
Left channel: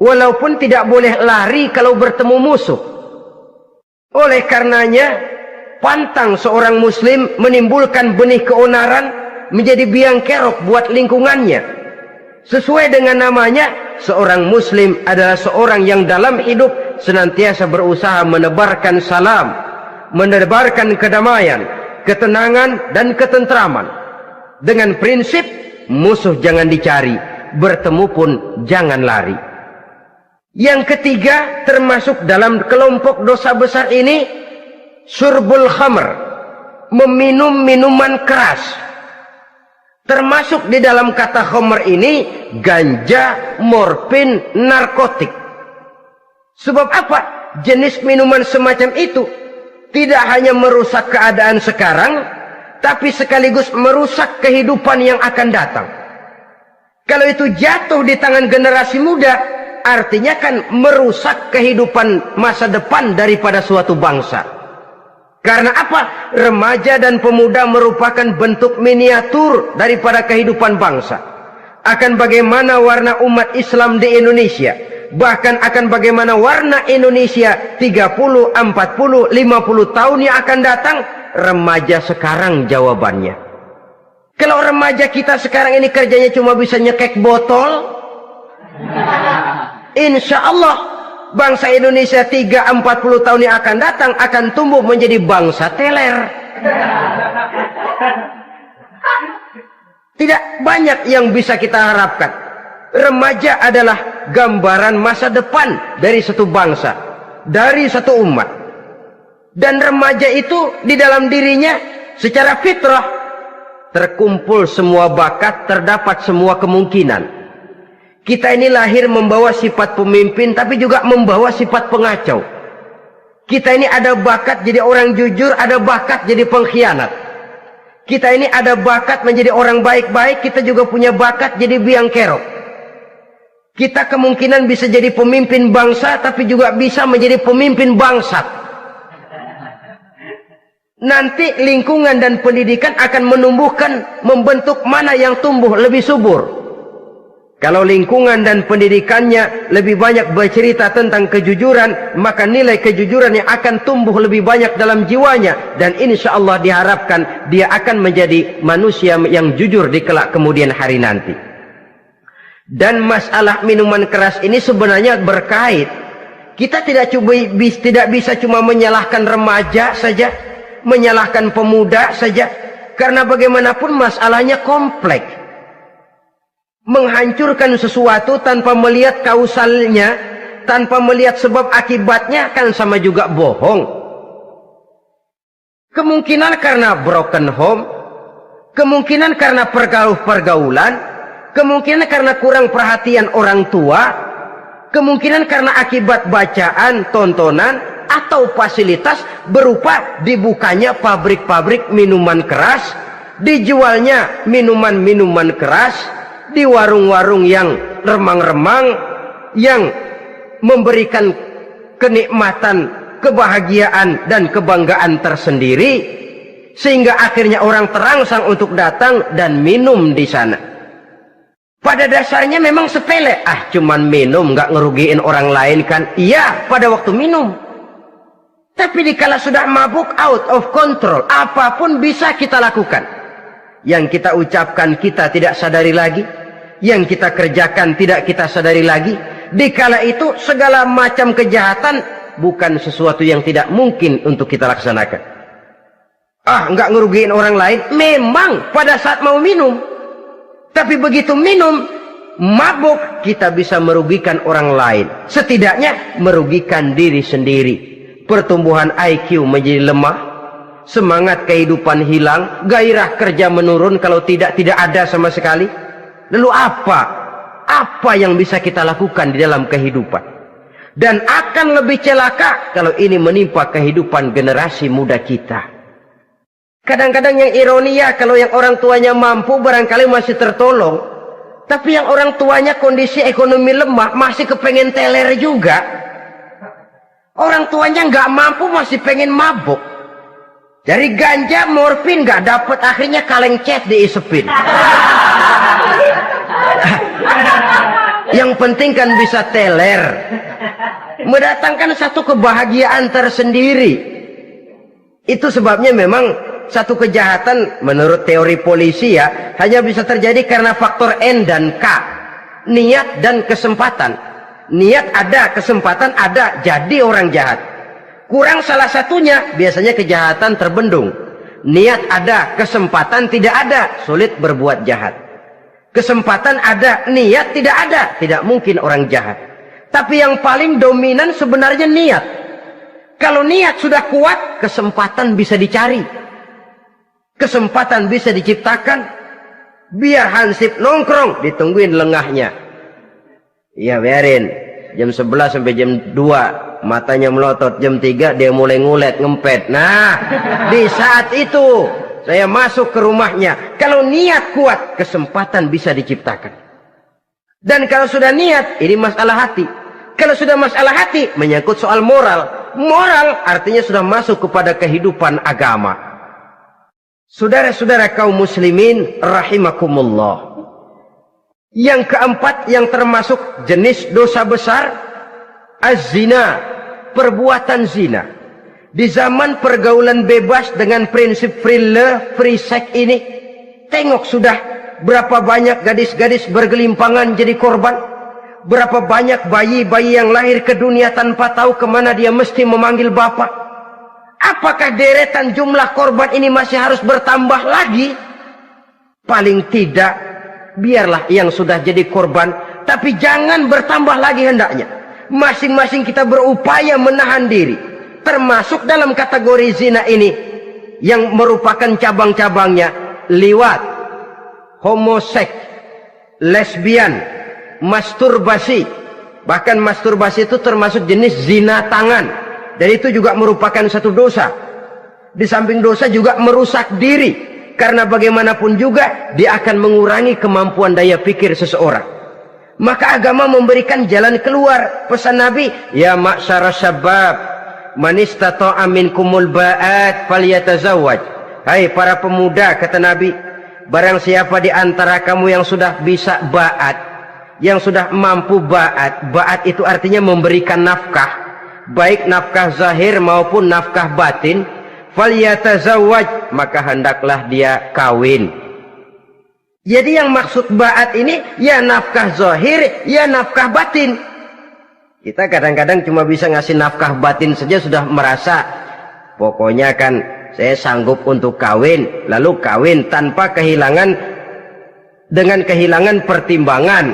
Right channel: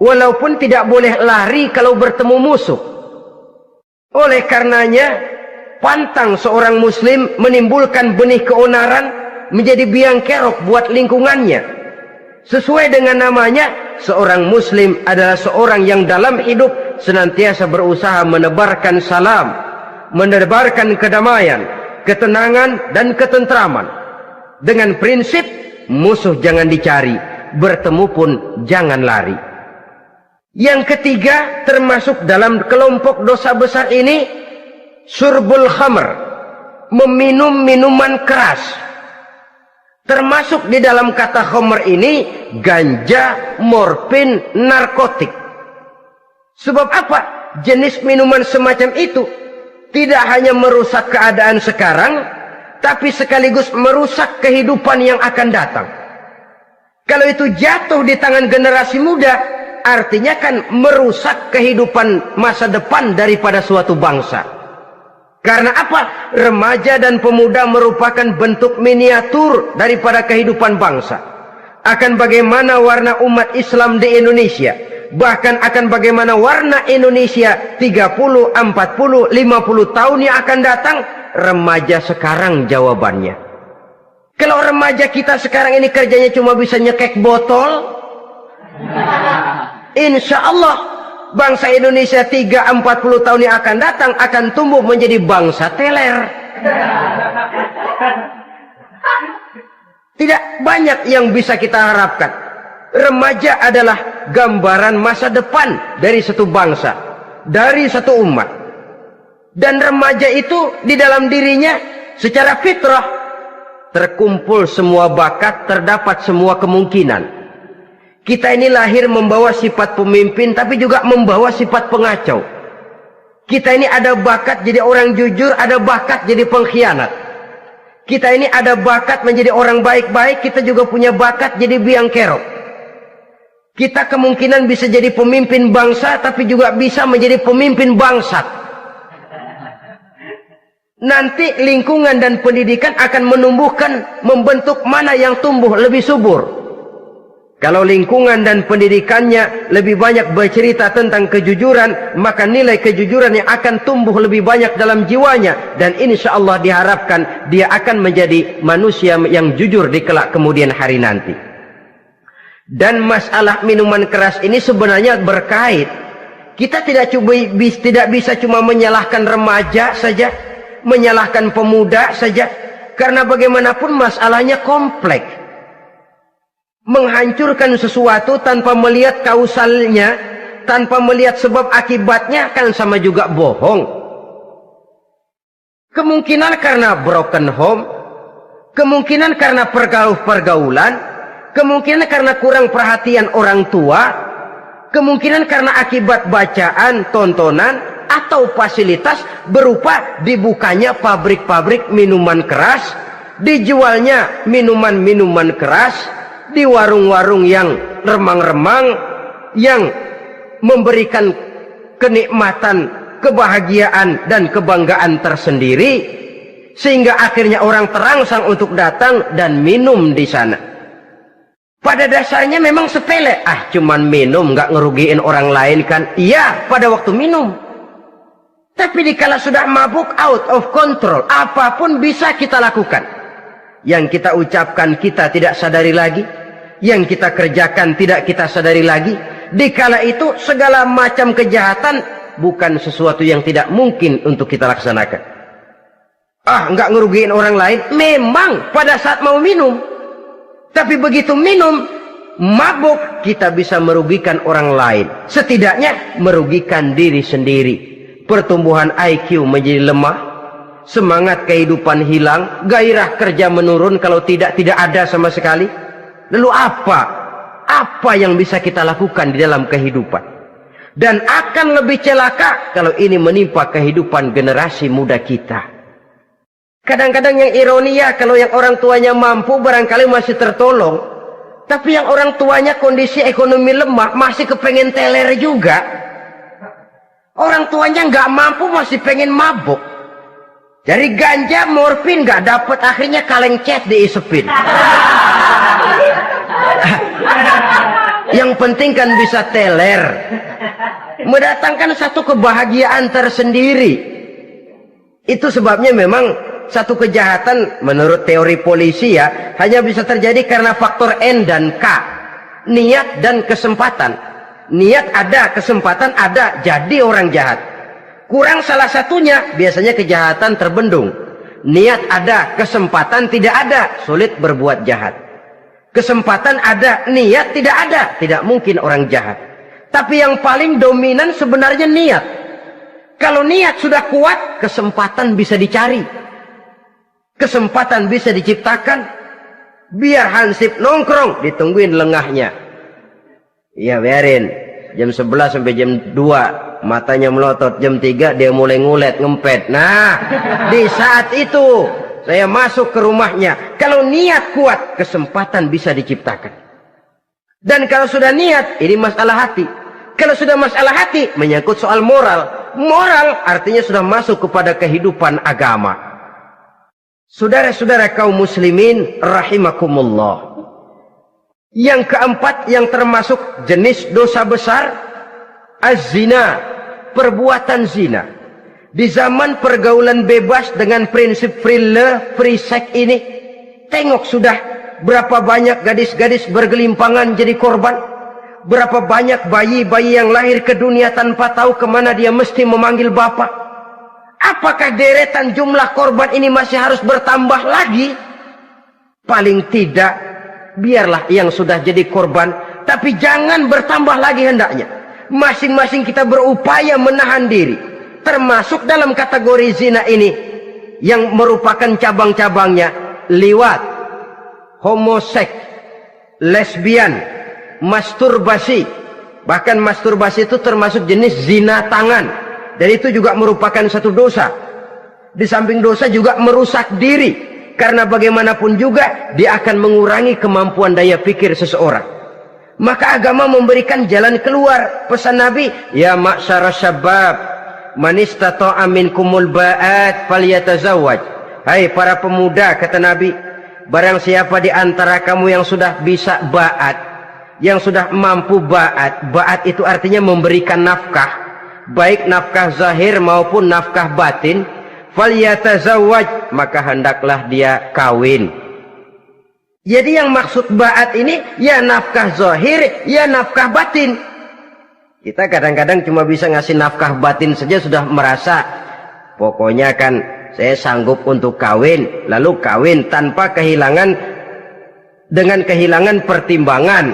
walaupun tidak boleh lari kalau bertemu musuh. Oleh karenanya, pantang seorang muslim menimbulkan benih keonaran menjadi biang kerok buat lingkungannya. Sesuai dengan namanya, seorang muslim adalah seorang yang dalam hidup senantiasa berusaha menebarkan salam, menebarkan kedamaian, ketenangan dan ketentraman. Dengan prinsip musuh jangan dicari, bertemu pun jangan lari. Yang ketiga, termasuk dalam kelompok dosa besar ini, syurbul khamr, meminum minuman keras. Termasuk di dalam kata khamr ini ganja, morfin, narkotik. Sebab apa? Jenis minuman semacam itu tidak hanya merusak keadaan sekarang, tapi sekaligus merusak kehidupan yang akan datang. Kalau itu jatuh di tangan generasi muda, artinya kan merusak kehidupan masa depan daripada suatu bangsa. Karena apa? Remaja dan pemuda merupakan bentuk miniatur daripada kehidupan bangsa. Akan bagaimana warna umat Islam di Indonesia, bahkan akan bagaimana warna Indonesia 30, 40, 50 tahun yang akan datang, remaja sekarang jawabannya. Kalau remaja kita sekarang ini kerjanya cuma bisa nyekek botol, insya Allah bangsa Indonesia 30-40 tahun yang akan datang akan tumbuh menjadi bangsa teler. Tidak banyak yang bisa kita harapkan. Remaja adalah gambaran masa depan dari satu bangsa, dari satu umat. Dan remaja itu di dalam dirinya secara fitrah terkumpul semua bakat, terdapat semua kemungkinan. Kita ini lahir membawa sifat pemimpin, tapi juga membawa sifat pengacau. Kita ini ada bakat jadi orang jujur, ada bakat jadi pengkhianat. Kita ini ada bakat menjadi orang baik-baik, kita juga punya bakat jadi biang kerok. Kita kemungkinan bisa jadi pemimpin bangsa, tapi juga bisa menjadi pemimpin bangsat. Nanti lingkungan dan pendidikan akan menumbuhkan, membentuk mana yang tumbuh lebih subur. Kalau lingkungan dan pendidikannya lebih banyak bercerita tentang kejujuran, maka nilai kejujuran yang akan tumbuh lebih banyak dalam jiwanya. Dan insya Allah diharapkan dia akan menjadi manusia yang jujur di kelak kemudian hari nanti. Dan masalah minuman keras ini sebenarnya berkait. Kita tidak bisa cuma menyalahkan remaja saja, menyalahkan pemuda saja. Karena bagaimanapun masalahnya kompleks. Menghancurkan sesuatu tanpa melihat kausalnya, tanpa melihat sebab akibatnya, kan sama juga bohong. Kemungkinan karena broken home, kemungkinan karena pergaulan, kemungkinan karena kurang perhatian orang tua, kemungkinan karena akibat bacaan, tontonan, atau fasilitas berupa dibukanya pabrik-pabrik minuman keras, dijualnya minuman-minuman keras, di warung-warung yang remang-remang, yang memberikan kenikmatan, kebahagiaan dan kebanggaan tersendiri, sehingga akhirnya orang terangsang untuk datang dan minum di sana. Pada dasarnya memang sepele, cuman minum, nggak ngerugiin orang lain kan? Iya, pada waktu minum. Tapi dikala sudah mabuk, out of control, apapun bisa kita lakukan. Yang kita ucapkan kita tidak sadari lagi, yang kita kerjakan tidak kita sadari lagi. Dikala itu segala macam kejahatan bukan sesuatu yang tidak mungkin untuk kita laksanakan. Nggak ngerugiin orang lain, memang pada saat mau minum. Tapi begitu minum, mabuk, kita bisa merugikan orang lain. Setidaknya merugikan diri sendiri. Pertumbuhan IQ menjadi lemah, semangat kehidupan hilang, gairah kerja menurun, kalau tidak ada sama sekali. Lalu apa yang bisa kita lakukan di dalam kehidupan? Dan akan lebih celaka kalau ini menimpa kehidupan generasi muda kita. Kadang-kadang yang ironi ya, kalau yang orang tuanya mampu barangkali masih tertolong, tapi yang orang tuanya kondisi ekonomi lemah masih kepengen teler juga. Orang tuanya nggak mampu masih pengen mabuk. Dari ganja, morfin nggak dapat, akhirnya kaleng cat diisepin. Yang penting kan bisa teler, mendatangkan satu kebahagiaan tersendiri. Itu sebabnya memang satu kejahatan menurut teori polisi ya, hanya bisa terjadi karena faktor N dan K, niat dan kesempatan. Niat ada, kesempatan ada, jadi orang jahat. Kurang salah satunya, biasanya kejahatan terbendung. Niat ada, kesempatan tidak ada, sulit berbuat jahat. Kesempatan ada, niat tidak ada, tidak mungkin orang jahat. Tapi yang paling dominan sebenarnya niat. Kalau niat sudah kuat, kesempatan bisa dicari. Kesempatan bisa diciptakan. Biar Hansip nongkrong, ditungguin lengahnya. Iya biarin. Jam 11 sampai jam 2. Matanya melotot. Jam 3 dia mulai ngulet, ngempet. Nah, di saat itu saya masuk ke rumahnya. Kalau niat kuat, kesempatan bisa diciptakan. Dan kalau sudah niat, ini masalah hati. Kalau sudah masalah hati, menyangkut soal moral. Moral artinya sudah masuk kepada kehidupan agama. Saudara-saudara kaum muslimin rahimakumullah. Yang keempat yang termasuk jenis dosa besar, az-zina, perbuatan zina. Di zaman pergaulan bebas dengan prinsip free love, free sex ini, tengok sudah berapa banyak gadis-gadis bergelimpangan jadi korban. Berapa banyak bayi-bayi yang lahir ke dunia tanpa tahu kemana dia mesti memanggil bapak. Apakah deretan jumlah korban ini masih harus bertambah lagi? Paling tidak, biarlah yang sudah jadi korban, tapi jangan bertambah lagi hendaknya. Masing-masing kita berupaya menahan diri. Termasuk dalam kategori zina ini, yang merupakan cabang-cabangnya, liwat, homoseks, lesbian, masturbasi. Bahkan masturbasi itu termasuk jenis zina tangan. Dan itu juga merupakan satu dosa. Di samping dosa juga merusak diri. Karena bagaimanapun juga dia akan mengurangi kemampuan daya pikir seseorang. Maka agama memberikan jalan keluar. Pesan Nabi, ya ma'syara syabab, man istata'a minkumul ba'at falyatazawwaj. Hai para pemuda, kata Nabi, barang siapa di antara kamu yang sudah bisa ba'at, yang sudah mampu ba'at. Ba'at itu artinya memberikan nafkah, baik nafkah zahir maupun nafkah batin. Falyatazawwaj, maka hendaklah dia kawin. Jadi yang maksud ba'at ini ya nafkah zahir, ya nafkah batin. Kita kadang-kadang cuma bisa ngasih nafkah batin saja sudah merasa pokoknya kan saya sanggup untuk kawin, lalu kawin tanpa kehilangan, dengan kehilangan pertimbangan.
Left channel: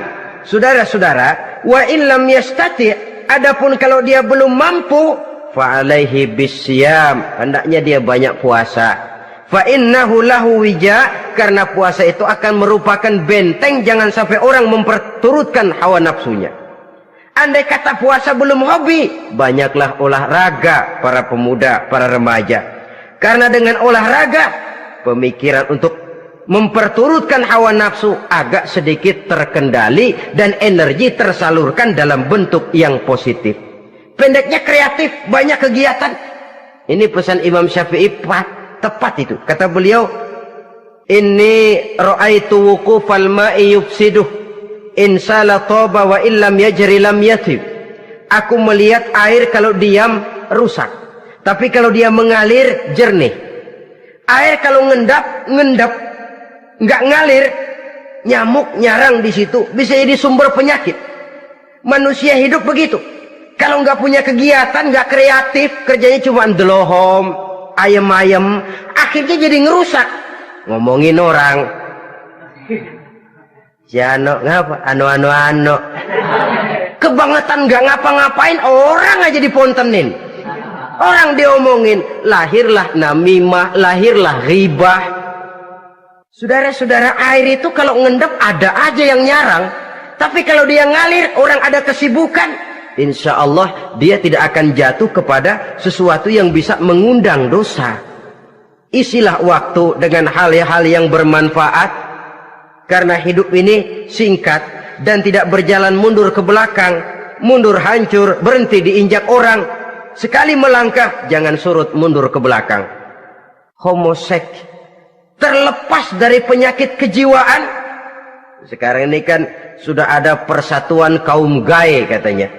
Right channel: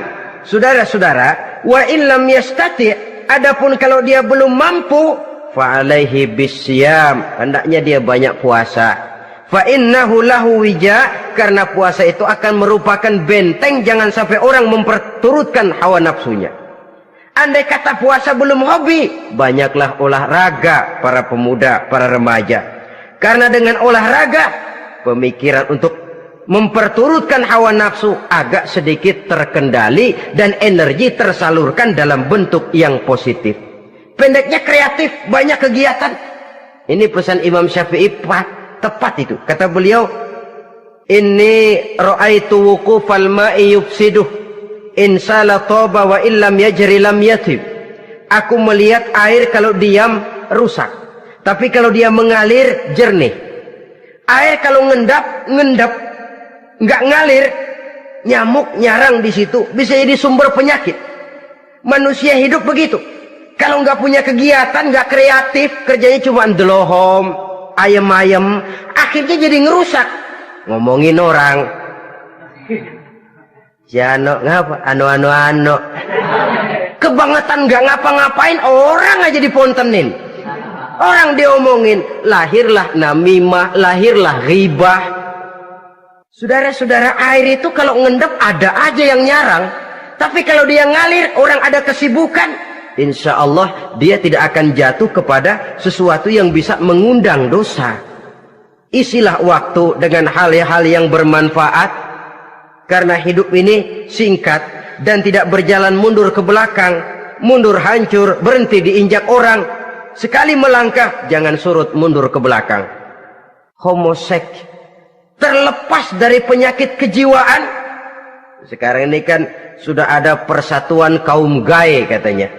Saudara-saudara, wa illam yastati, adapun kalau dia belum mampu, fa alaihi bisyam, hendaknya dia banyak puasa. Fa innahu lahu wija, karena puasa itu akan merupakan benteng jangan sampai orang memperturutkan hawa nafsunya. Andai kata puasa belum hobi, banyaklah olahraga para pemuda, para remaja. Karena dengan olahraga, pemikiran untuk memperturutkan hawa nafsu agak sedikit terkendali dan energi tersalurkan dalam bentuk yang positif. Pendeknya kreatif, banyak kegiatan. Ini pesan Imam Syafi'i tepat itu. Kata beliau, inni ra'aitu wuqufal ma'i yufsiduh, insala toba wa illam yajri lam yatib. Aku melihat air kalau diam rusak, tapi kalau dia mengalir jernih. Air kalau ngendap, nggak ngalir, nyamuk nyarang di situ, bisa jadi sumber penyakit. Manusia hidup begitu. Kalau nggak punya kegiatan, nggak kreatif, kerjanya cuma delohom, ayam-ayam, akhirnya jadi ngerusak. Ngomongin orang, si Ano ngapa? Ano. Kebangetan nggak ngapa-ngapain, orang aja dipontenin. Orang diomongin, lahirlah namimah, lahirlah ghibah. Saudara-saudara, air itu kalau ngendap ada aja yang nyarang. Tapi kalau dia ngalir, orang ada kesibukan, insya Allah dia tidak akan jatuh kepada sesuatu yang bisa mengundang dosa. Isilah waktu dengan hal-hal yang bermanfaat, karena hidup ini singkat dan tidak berjalan mundur ke belakang. Mundur hancur, berhenti diinjak orang. Sekali melangkah, jangan surut mundur ke belakang. Homoseks, terlepas dari penyakit kejiwaan. Sekarang ini kan sudah ada persatuan kaum gay katanya,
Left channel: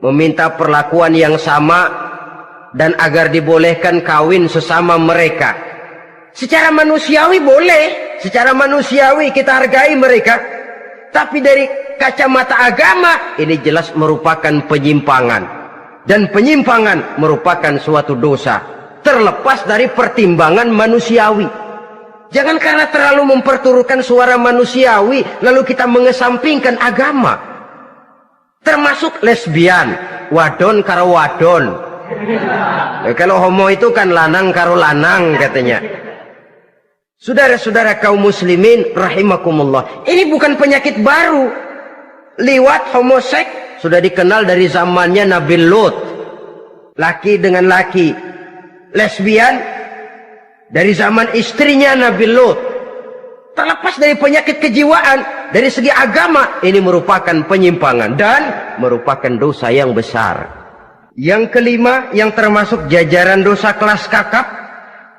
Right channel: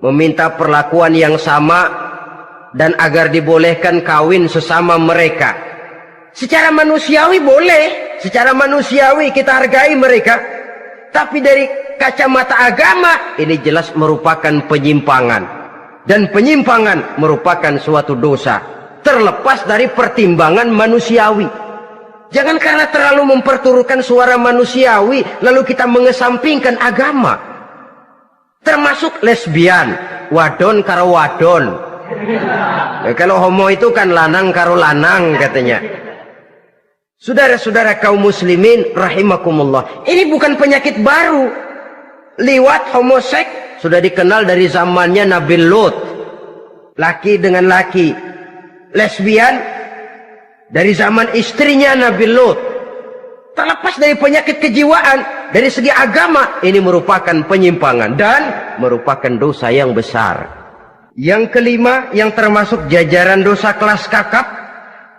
meminta perlakuan yang sama dan agar dibolehkan kawin sesama mereka. Secara manusiawi boleh, secara manusiawi kita hargai mereka, tapi dari kacamata agama ini jelas merupakan penyimpangan, dan penyimpangan merupakan suatu dosa terlepas dari pertimbangan manusiawi. Jangan karena terlalu memperturutkan suara manusiawi lalu kita mengesampingkan agama. Termasuk lesbian, wadon karo wadon. Kalau homo itu kan lanang karo lanang katanya. Saudara-saudara kaum muslimin rahimakumullah, ini bukan penyakit baru. Liwat, homoseks sudah dikenal dari zamannya Nabi Lut, laki dengan laki. Lesbian dari zaman istrinya Nabi Lut. Terlepas dari penyakit kejiwaan, dari segi agama ini merupakan penyimpangan dan merupakan dosa yang besar. Yang kelima, yang termasuk jajaran dosa kelas kakap,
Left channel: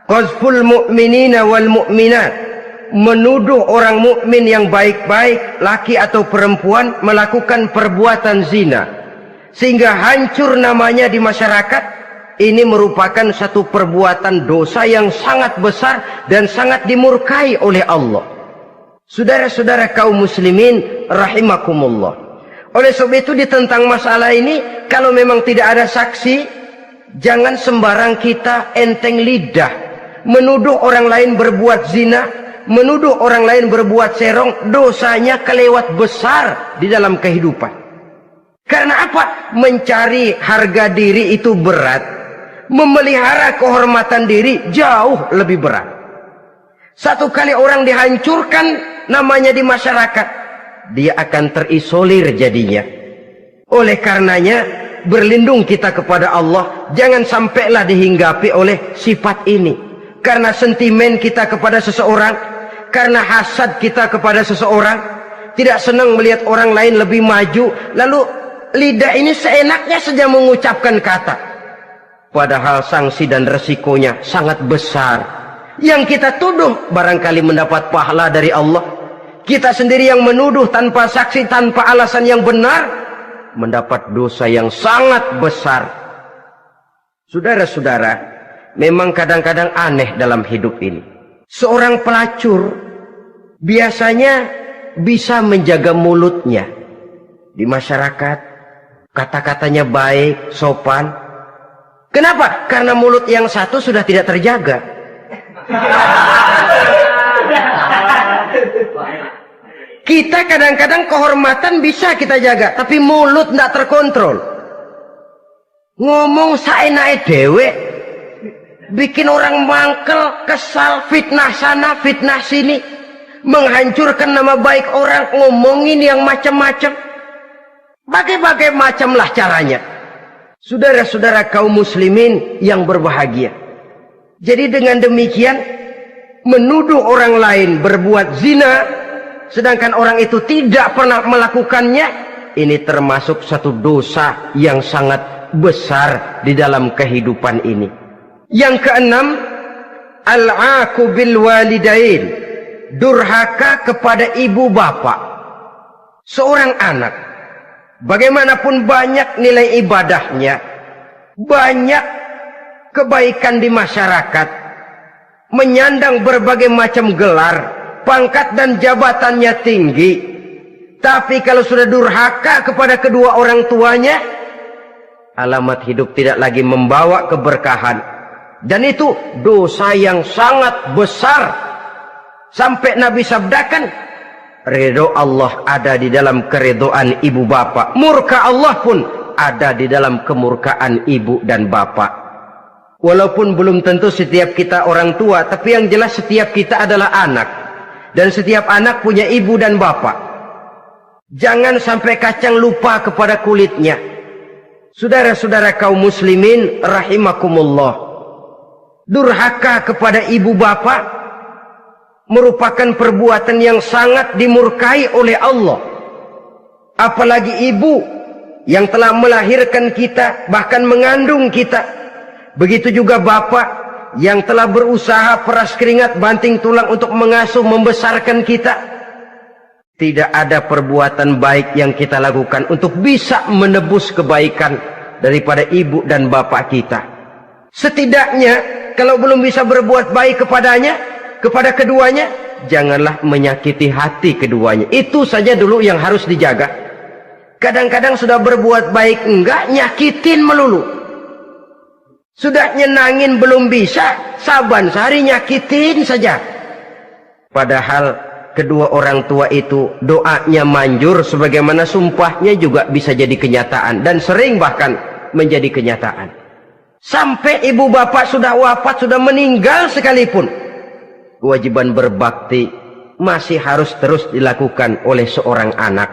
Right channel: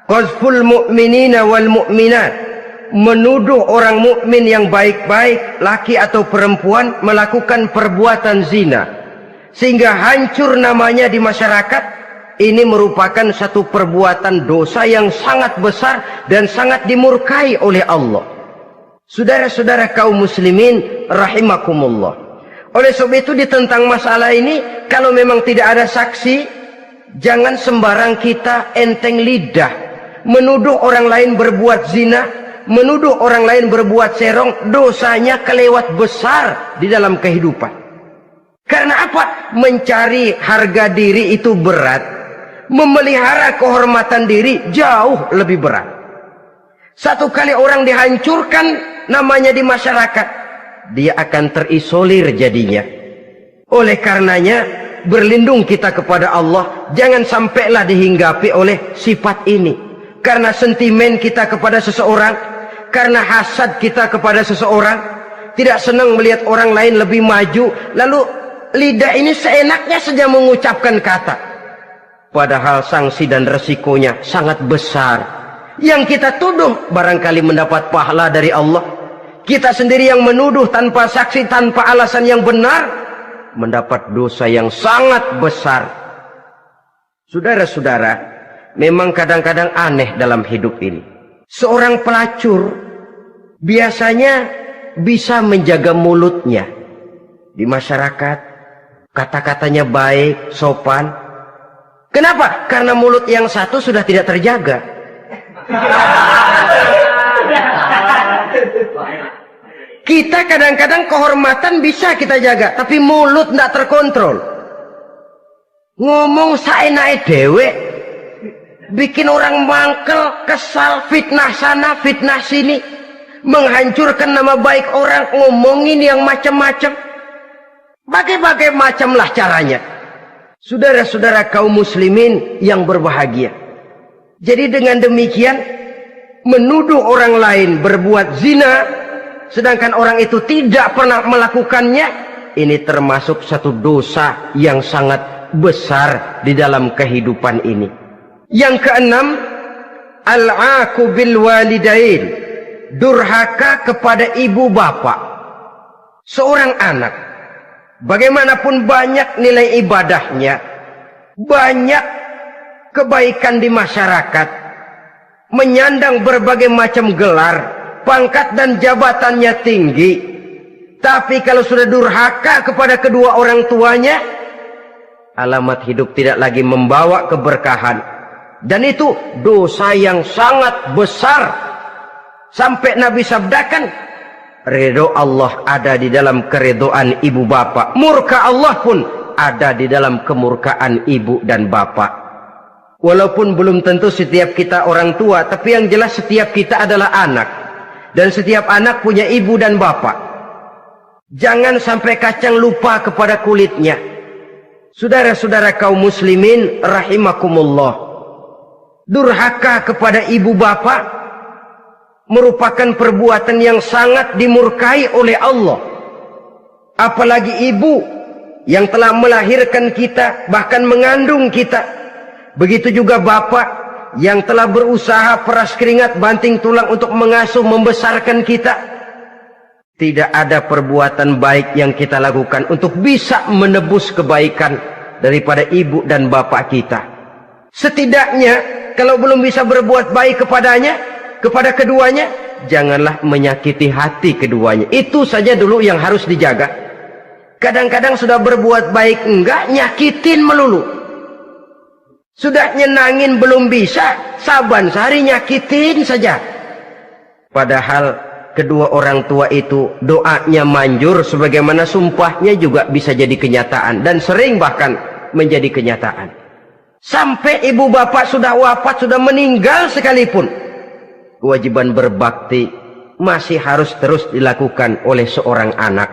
qazful mu'minina wal mu'minat, menuduh orang mukmin yang baik-baik, laki atau perempuan, melakukan perbuatan zina sehingga hancur namanya di masyarakat. Ini merupakan satu perbuatan dosa yang sangat besar dan sangat dimurkai oleh Allah. Saudara-saudara kaum muslimin rahimakumullah, oleh sebab itu ditentang masalah ini, kalau memang tidak ada saksi, jangan sembarang kita enteng lidah menuduh orang lain berbuat zina, menuduh orang lain berbuat serong. Dosanya kelewat besar di dalam kehidupan. Karena apa? Mencari harga diri itu berat, memelihara kehormatan diri jauh lebih berat. Satu kali orang dihancurkan namanya di masyarakat, dia akan terisolir jadinya. Oleh karenanya berlindung kita kepada Allah, jangan sampailah dihinggapi oleh sifat ini. Karena sentimen kita kepada seseorang, karena hasad kita kepada seseorang, tidak senang melihat orang lain lebih maju, lalu lidah ini seenaknya saja mengucapkan kata, padahal sanksi dan resikonya sangat besar. Yang kita tuduh barangkali mendapat pahala dari Allah, kita sendiri yang menuduh tanpa saksi, tanpa alasan yang benar, mendapat dosa yang sangat besar. Saudara-saudara, memang kadang-kadang aneh dalam hidup ini. Seorang pelacur biasanya bisa menjaga mulutnya di masyarakat, kata-katanya baik, sopan. Kenapa? Karena mulut yang satu sudah tidak terjaga. Kita kadang-kadang kehormatan bisa kita jaga, tapi mulut tidak terkontrol. Ngomong saenake dewe, bikin orang mangkel, kesal, fitnah sana, fitnah sini, menghancurkan nama baik orang, ngomongin yang macam-macam. Bagai-bagai macamlah caranya. Saudara-saudara kaum muslimin yang berbahagia. Jadi dengan demikian, menuduh orang lain berbuat zina, sedangkan orang itu tidak pernah melakukannya, ini termasuk satu dosa yang sangat besar di dalam kehidupan ini. Yang keenam, al-'aqu bil walidain, durhaka kepada ibu bapak. Seorang anak, bagaimanapun banyak nilai ibadahnya, banyak kebaikan di masyarakat, menyandang berbagai macam gelar, pangkat dan jabatannya tinggi, tapi kalau sudah durhaka kepada kedua orang tuanya, alamat hidup tidak lagi membawa keberkahan, dan itu dosa yang sangat besar. Sampai Nabi sabdakan, ridho Allah ada di dalam keridhaan ibu bapak, murka Allah pun ada di dalam kemurkaan ibu dan bapak. Walaupun belum tentu setiap kita orang tua, tapi yang jelas setiap kita adalah anak, dan setiap anak punya ibu dan bapak. Jangan sampai kacang lupa kepada kulitnya. Saudara-saudara kaum muslimin rahimakumullah, durhaka kepada ibu bapak merupakan perbuatan yang sangat dimurkai oleh Allah. Apalagi ibu yang telah melahirkan kita, bahkan mengandung kita. Begitu juga bapak yang telah berusaha peras keringat banting tulang untuk mengasuh membesarkan kita. Tidak ada perbuatan baik yang kita lakukan untuk bisa menebus kebaikan daripada ibu dan bapak kita. Setidaknya kalau belum bisa berbuat baik kepadanya, kepada keduanya, janganlah menyakiti hati keduanya. Itu saja dulu yang harus dijaga. Kadang-kadang sudah berbuat baik enggak, nyakitin melulu. Sudah nyenangin belum bisa, saban sehari nyakitin saja. Padahal kedua orang tua itu doanya manjur, sebagaimana sumpahnya juga bisa jadi kenyataan, dan sering bahkan menjadi kenyataan. Sampai ibu bapak sudah wafat, sudah meninggal sekalipun, kewajiban berbakti masih harus terus dilakukan oleh seorang anak.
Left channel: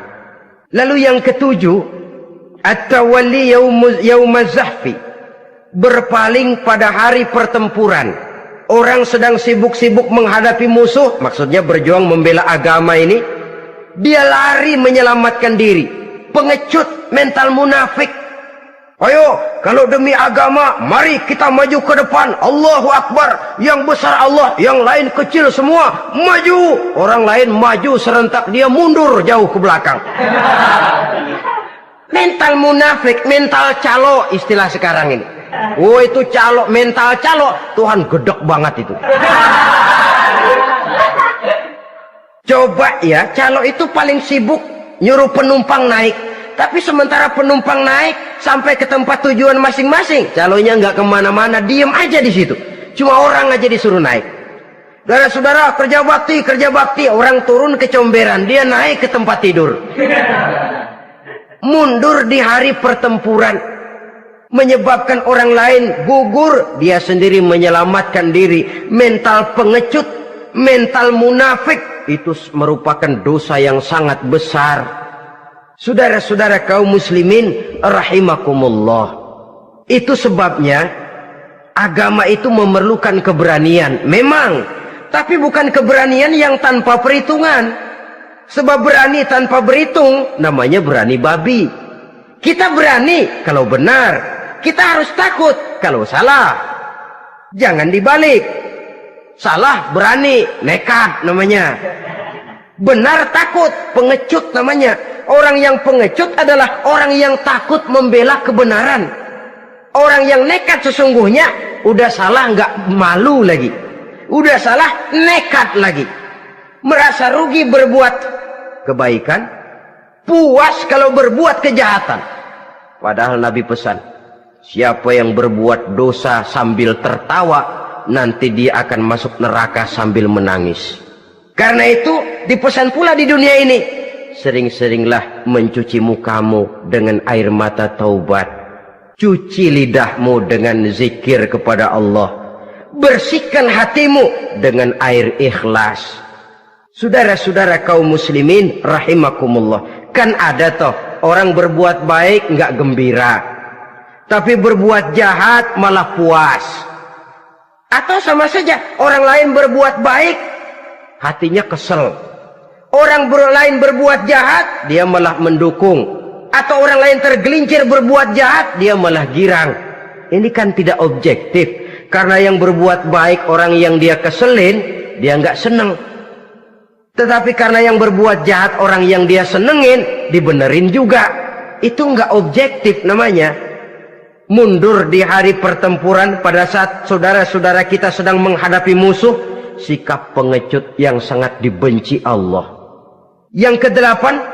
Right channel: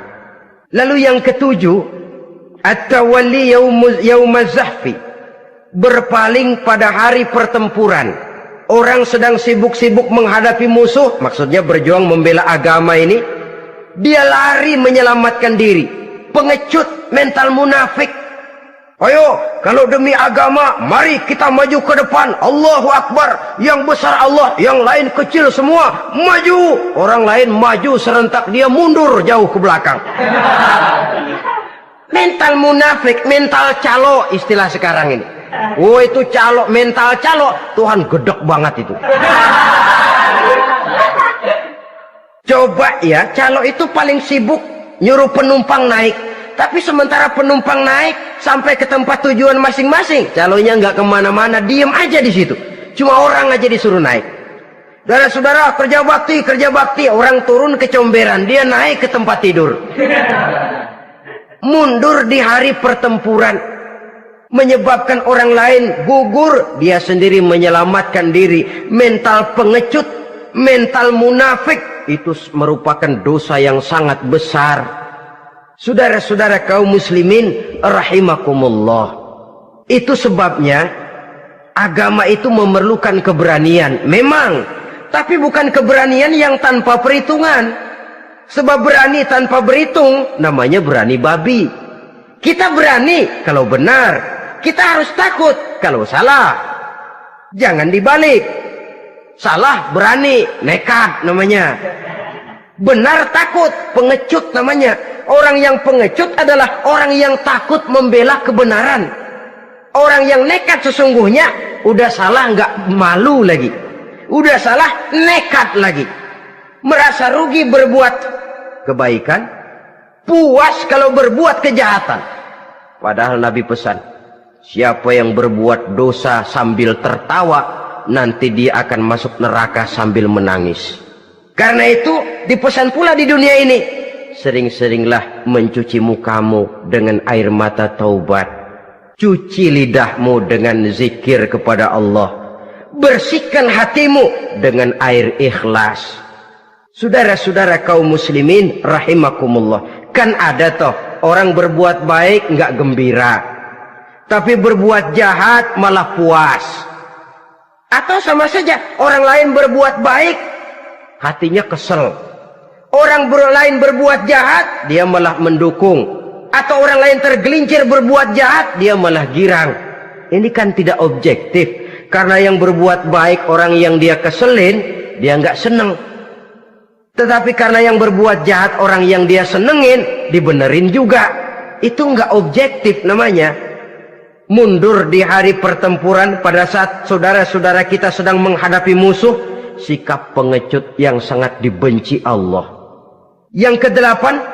Lalu yang ketujuh, at-tawalli yaumaz zahfi, berpaling pada hari pertempuran. Orang sedang sibuk-sibuk menghadapi musuh, maksudnya berjuang membela agama ini, dia lari menyelamatkan diri. Pengecut, mental munafik. Ayo, kalau demi agama, mari kita maju ke depan. Allahu Akbar. Yang besar Allah, yang lain kecil semua. Maju. Orang lain maju serentak, dia mundur jauh ke belakang. Mental munafik, mental calo istilah sekarang ini. Oh, itu calo, mental calo. Tuhan gedek banget itu. Coba ya, calo itu paling sibuk nyuruh penumpang naik. Tapi sementara penumpang naik sampai ke tempat tujuan masing-masing, calonya nggak kemana-mana, diem aja di situ. Cuma orang aja disuruh naik. Saudara-saudara, kerja bakti, orang turun ke comberan, dia naik ke tempat tidur. Mundur di hari pertempuran, menyebabkan orang lain gugur, dia sendiri menyelamatkan diri. Mental pengecut, mental munafik, itu merupakan dosa yang sangat besar. Saudara-saudara kaum muslimin rahimakumullah. Itu sebabnya agama itu memerlukan keberanian. Memang, tapi bukan keberanian yang tanpa perhitungan. Sebab berani tanpa berhitung namanya berani babi. Kita berani kalau benar, kita harus takut kalau salah. Jangan dibalik. Salah berani, nekat namanya. Benar takut, pengecut namanya. Orang yang pengecut adalah orang yang takut membela kebenaran. Orang yang nekat sesungguhnya udah salah nggak malu lagi. Udah salah nekat lagi. Merasa rugi berbuat kebaikan, puas kalau berbuat kejahatan. Padahal Nabi pesan, siapa yang berbuat dosa sambil tertawa, nanti dia akan masuk neraka sambil menangis. Karena itu dipesan pula di dunia ini, sering-seringlah mencuci mukamu dengan air mata taubat. Cuci lidahmu dengan zikir kepada Allah. Bersihkan hatimu dengan air ikhlas. Saudara-saudara kaum muslimin rahimakumullah. Kan ada toh orang berbuat baik nggak gembira, tapi berbuat jahat malah puas. Atau sama saja orang lain berbuat baik, hatinya kesel. Orang lain berbuat jahat, dia malah mendukung. Atau orang lain tergelincir berbuat jahat, dia malah girang. Ini kan tidak objektif. Karena yang berbuat baik, orang yang dia keselin, dia nggak seneng. Tetapi karena yang berbuat jahat, orang yang dia senengin, dibenerin juga. Itu nggak objektif namanya. Mundur di hari pertempuran pada saat saudara-saudara kita sedang menghadapi musuh, sikap pengecut yang sangat dibenci Allah. Yang kedelapan,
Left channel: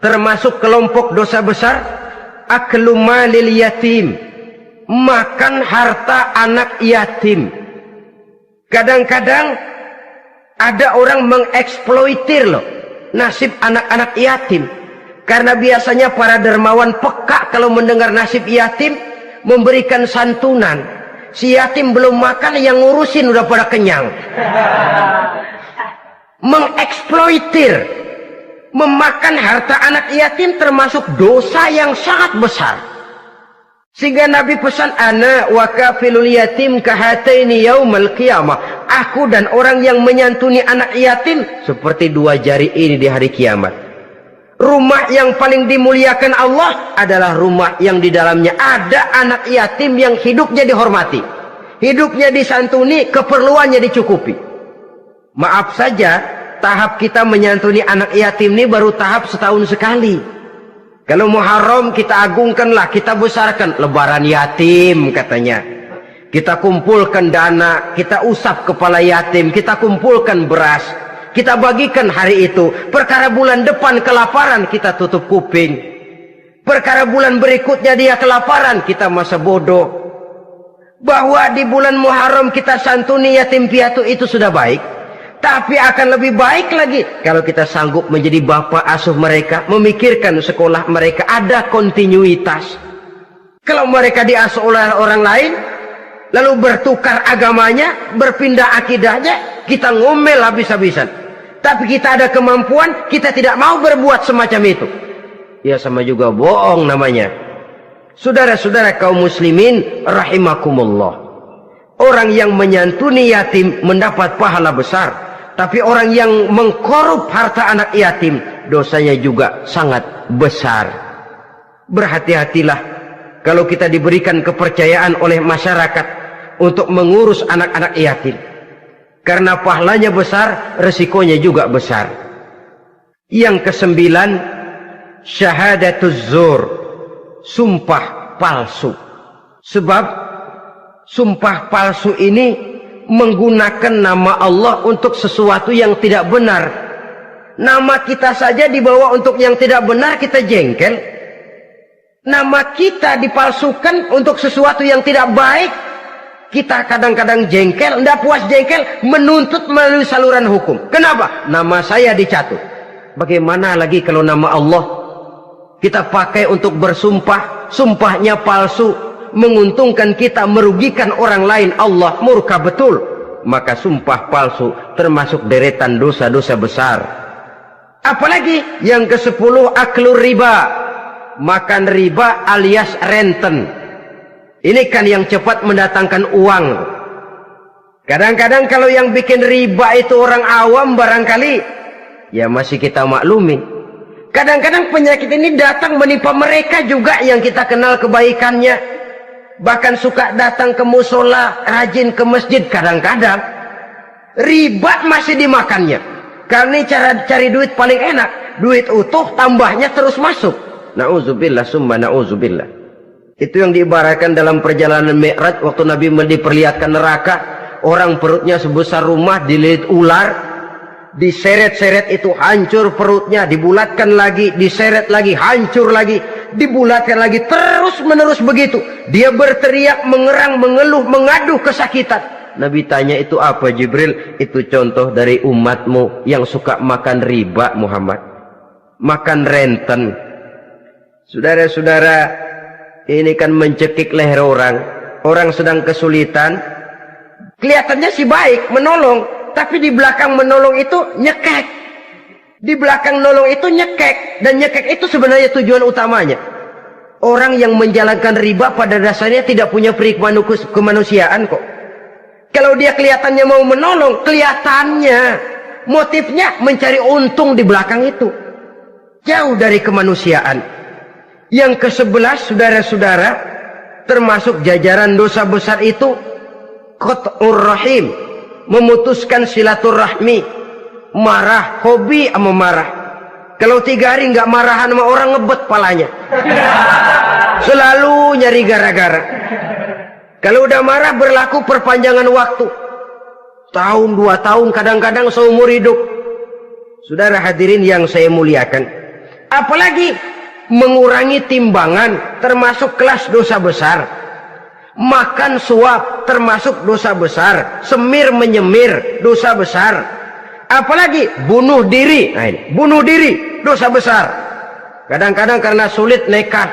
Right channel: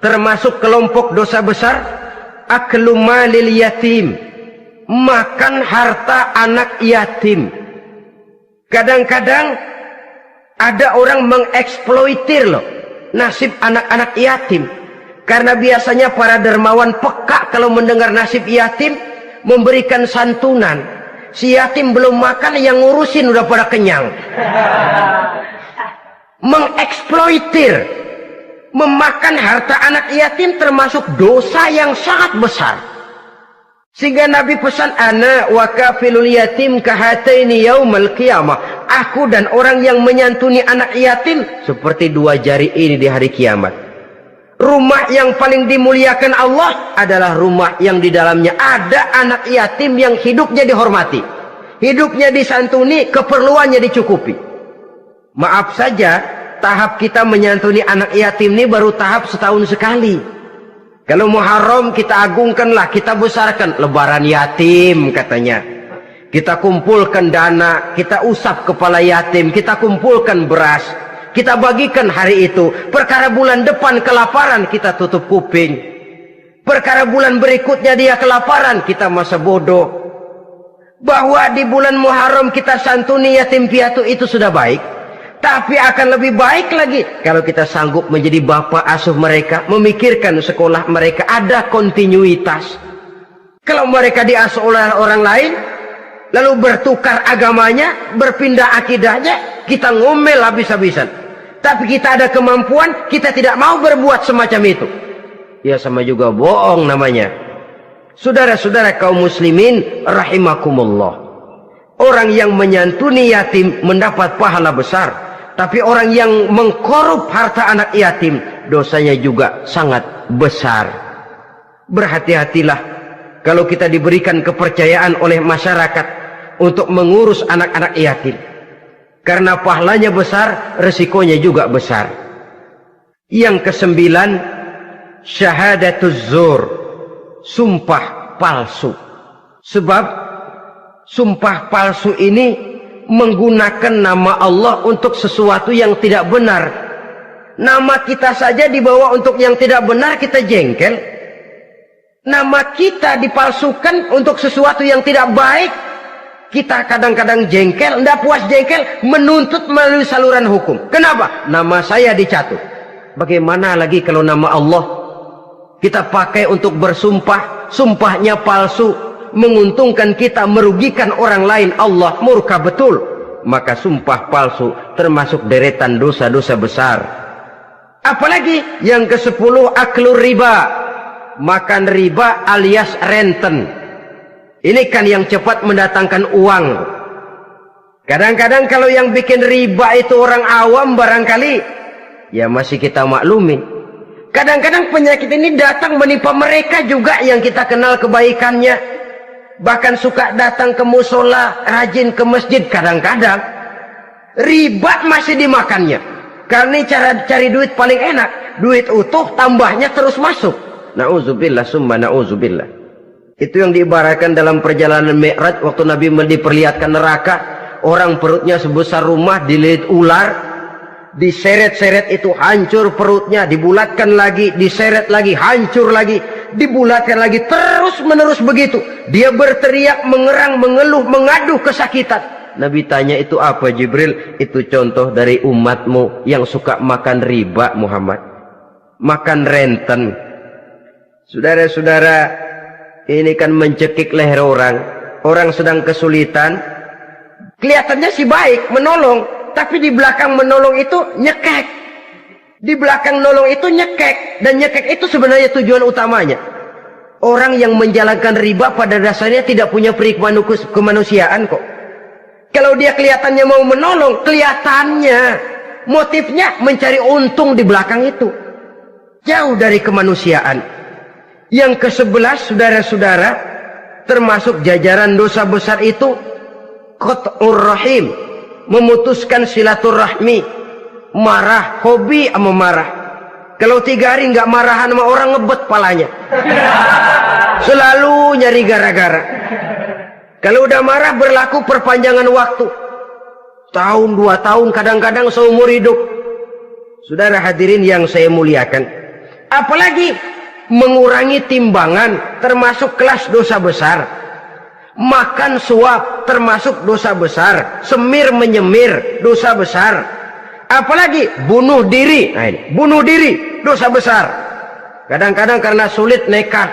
termasuk kelompok dosa besar, aklu malil yatim, makan harta anak yatim. Kadang-kadang ada orang mengeksploitir loh nasib anak-anak yatim. Karena biasanya para dermawan peka kalau mendengar nasib yatim, memberikan santunan. Si yatim belum makan, yang ngurusin udah pada kenyang. Mengeksploitir, memakan harta anak yatim termasuk dosa yang sangat besar. Sehingga Nabi pesan, ana wa kafilul yatim kahataini yaumal qiyamah. Aku dan orang yang menyantuni anak yatim seperti dua jari ini di hari kiamat. Rumah yang paling dimuliakan Allah adalah rumah yang di dalamnya ada anak yatim yang hidupnya dihormati, hidupnya disantuni, keperluannya dicukupi. Maaf saja, tahap kita menyantuni anak yatim ini baru tahap setahun sekali. Kalau Muharram kita agungkanlah, kita besarkan. Lebaran yatim katanya. Kita kumpulkan dana, kita usap kepala yatim, kita kumpulkan beras, kita bagikan hari itu. Perkara bulan depan kelaparan, kita tutup kuping. Perkara bulan berikutnya dia kelaparan, kita masa bodoh. Bahwa di bulan Muharram kita santuni yatim piatu itu sudah baik. Tapi akan lebih baik lagi kalau kita sanggup menjadi bapak asuh mereka, memikirkan sekolah mereka, ada kontinuitas. Kalau mereka diasuh oleh orang lain, lalu bertukar agamanya, berpindah akidahnya, kita ngomel habis-habisan. Tapi kita ada kemampuan, kita tidak mau berbuat semacam itu. Ya sama juga bohong namanya. Saudara-saudara kaum muslimin rahimakumullah. Orang yang menyantuni yatim mendapat pahala besar. Tapi orang yang mengkorup harta anak yatim, dosanya juga sangat besar. Berhati-hatilah kalau kita diberikan kepercayaan oleh masyarakat untuk mengurus anak-anak yatim. Karena pahalanya besar, resikonya juga besar. Yang kesembilan, syahadatuz zur, sumpah palsu. Sebab sumpah palsu ini menggunakan nama Allah untuk sesuatu yang tidak benar. Nama kita saja dibawa untuk yang tidak benar, kita jengkel. Nama kita dipalsukan untuk sesuatu yang tidak baik, kita kadang-kadang jengkel, tidak puas jengkel, menuntut melalui saluran hukum. Kenapa? Nama saya dicatut. Bagaimana lagi kalau nama Allah kita pakai untuk bersumpah, sumpahnya palsu, menguntungkan kita, merugikan orang lain, Allah murka betul. Maka sumpah palsu termasuk deretan dosa-dosa besar. Apalagi yang ke-10, aklur riba, makan riba alias renten. Ini kan yang cepat mendatangkan uang. Kadang-kadang kalau yang bikin riba itu orang awam barangkali, ya masih kita maklumin. Kadang-kadang penyakit ini datang menimpa mereka juga yang kita kenal kebaikannya. Bahkan suka datang ke musola, rajin ke masjid. Kadang-kadang riba masih dimakannya. Karena cara cari duit paling enak. Duit utuh tambahnya terus masuk. Na'udzubillah summa na'udzubillah. Itu yang diibaratkan dalam perjalanan Mi'raj waktu Nabi diperlihatkan neraka. Orang perutnya sebesar rumah dililit ular, diseret-seret itu hancur perutnya, dibulatkan lagi, diseret lagi, hancur lagi, dibulatkan lagi, terus menerus begitu. Dia berteriak, mengerang, mengeluh, mengaduh kesakitan. Nabi tanya, itu apa Jibril? Itu contoh dari umatmu yang suka makan riba Muhammad, makan renten. Saudara-saudara, ini kan mencekik leher orang. Orang sedang kesulitan, kelihatannya sih baik, menolong. Tapi di belakang menolong itu nyekek. Di belakang nolong itu nyekek. Dan nyekek itu sebenarnya tujuan utamanya. Orang yang menjalankan riba pada dasarnya tidak punya perikman kemanusiaan kok. Kalau dia kelihatannya mau menolong, kelihatannya motifnya mencari untung di belakang itu. Jauh dari kemanusiaan. Yang ke-11, saudara-saudara, termasuk jajaran dosa besar itu qat'ur rahim, memutuskan silaturahmi. Marah, hobi sama marah. Kalau 3 hari nggak marahan sama orang, ngebet palanya. Selalu nyari gara-gara. Kalau udah marah berlaku perpanjangan waktu. Tahun, 2 tahun, kadang-kadang seumur hidup. Saudara hadirin yang saya muliakan. Apalagi mengurangi timbangan termasuk kelas dosa besar. Makan suap termasuk dosa besar. Semir menyemir dosa besar. Apalagi bunuh diri. Nah ini, bunuh diri dosa besar. Kadang-kadang karena sulit nekat,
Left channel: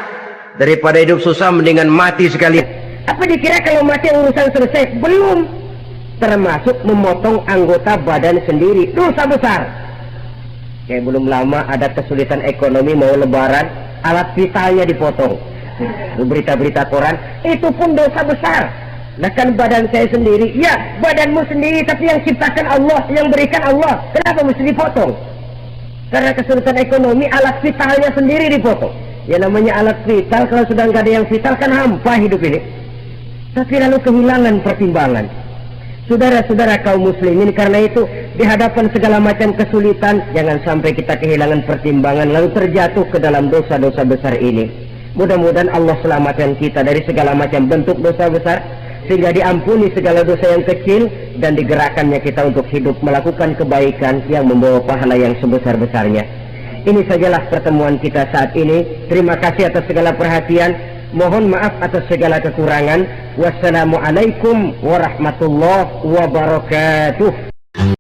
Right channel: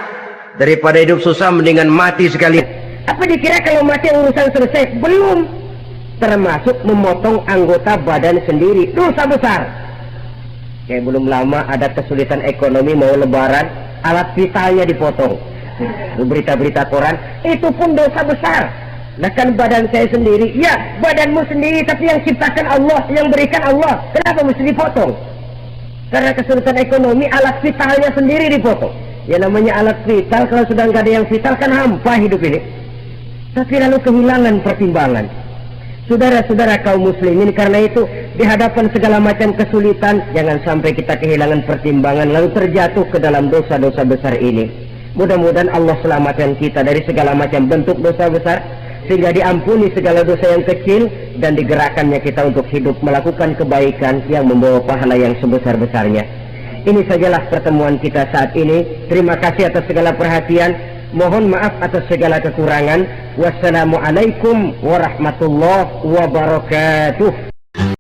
daripada hidup susah mendingan mati sekali. Apa dikira kalau mati urusan selesai? Belum. Termasuk memotong anggota badan sendiri, dosa besar. Kayak belum lama ada kesulitan ekonomi, mau lebaran, alat vitalnya dipotong. Berita-berita koran, itu pun dosa besar. Nah kan badan saya sendiri, ya badanmu sendiri, tapi yang ciptakan Allah, yang berikan Allah, kenapa mesti dipotong? Karena kesulitan ekonomi, alat vitalnya sendiri dipotong. Ya namanya alat vital, kalau sudah nggak ada yang vital kan hampa hidup ini. Tapi lalu kehilangan pertimbangan. Saudara-saudara kaum muslimin, karena itu di hadapan segala macam kesulitan, jangan sampai kita kehilangan pertimbangan lalu terjatuh ke dalam dosa-dosa besar ini. Mudah-mudahan Allah selamatkan kita dari segala macam bentuk dosa besar, sehingga diampuni segala dosa yang kecil, dan digerakkannya kita untuk hidup melakukan kebaikan yang membawa pahala yang sebesar-besarnya. Ini sajalah pertemuan kita saat ini. Terima kasih atas segala perhatian. Mohon maaf atas segala kekurangan. Wassalamualaikum warahmatullahi wabarakatuh.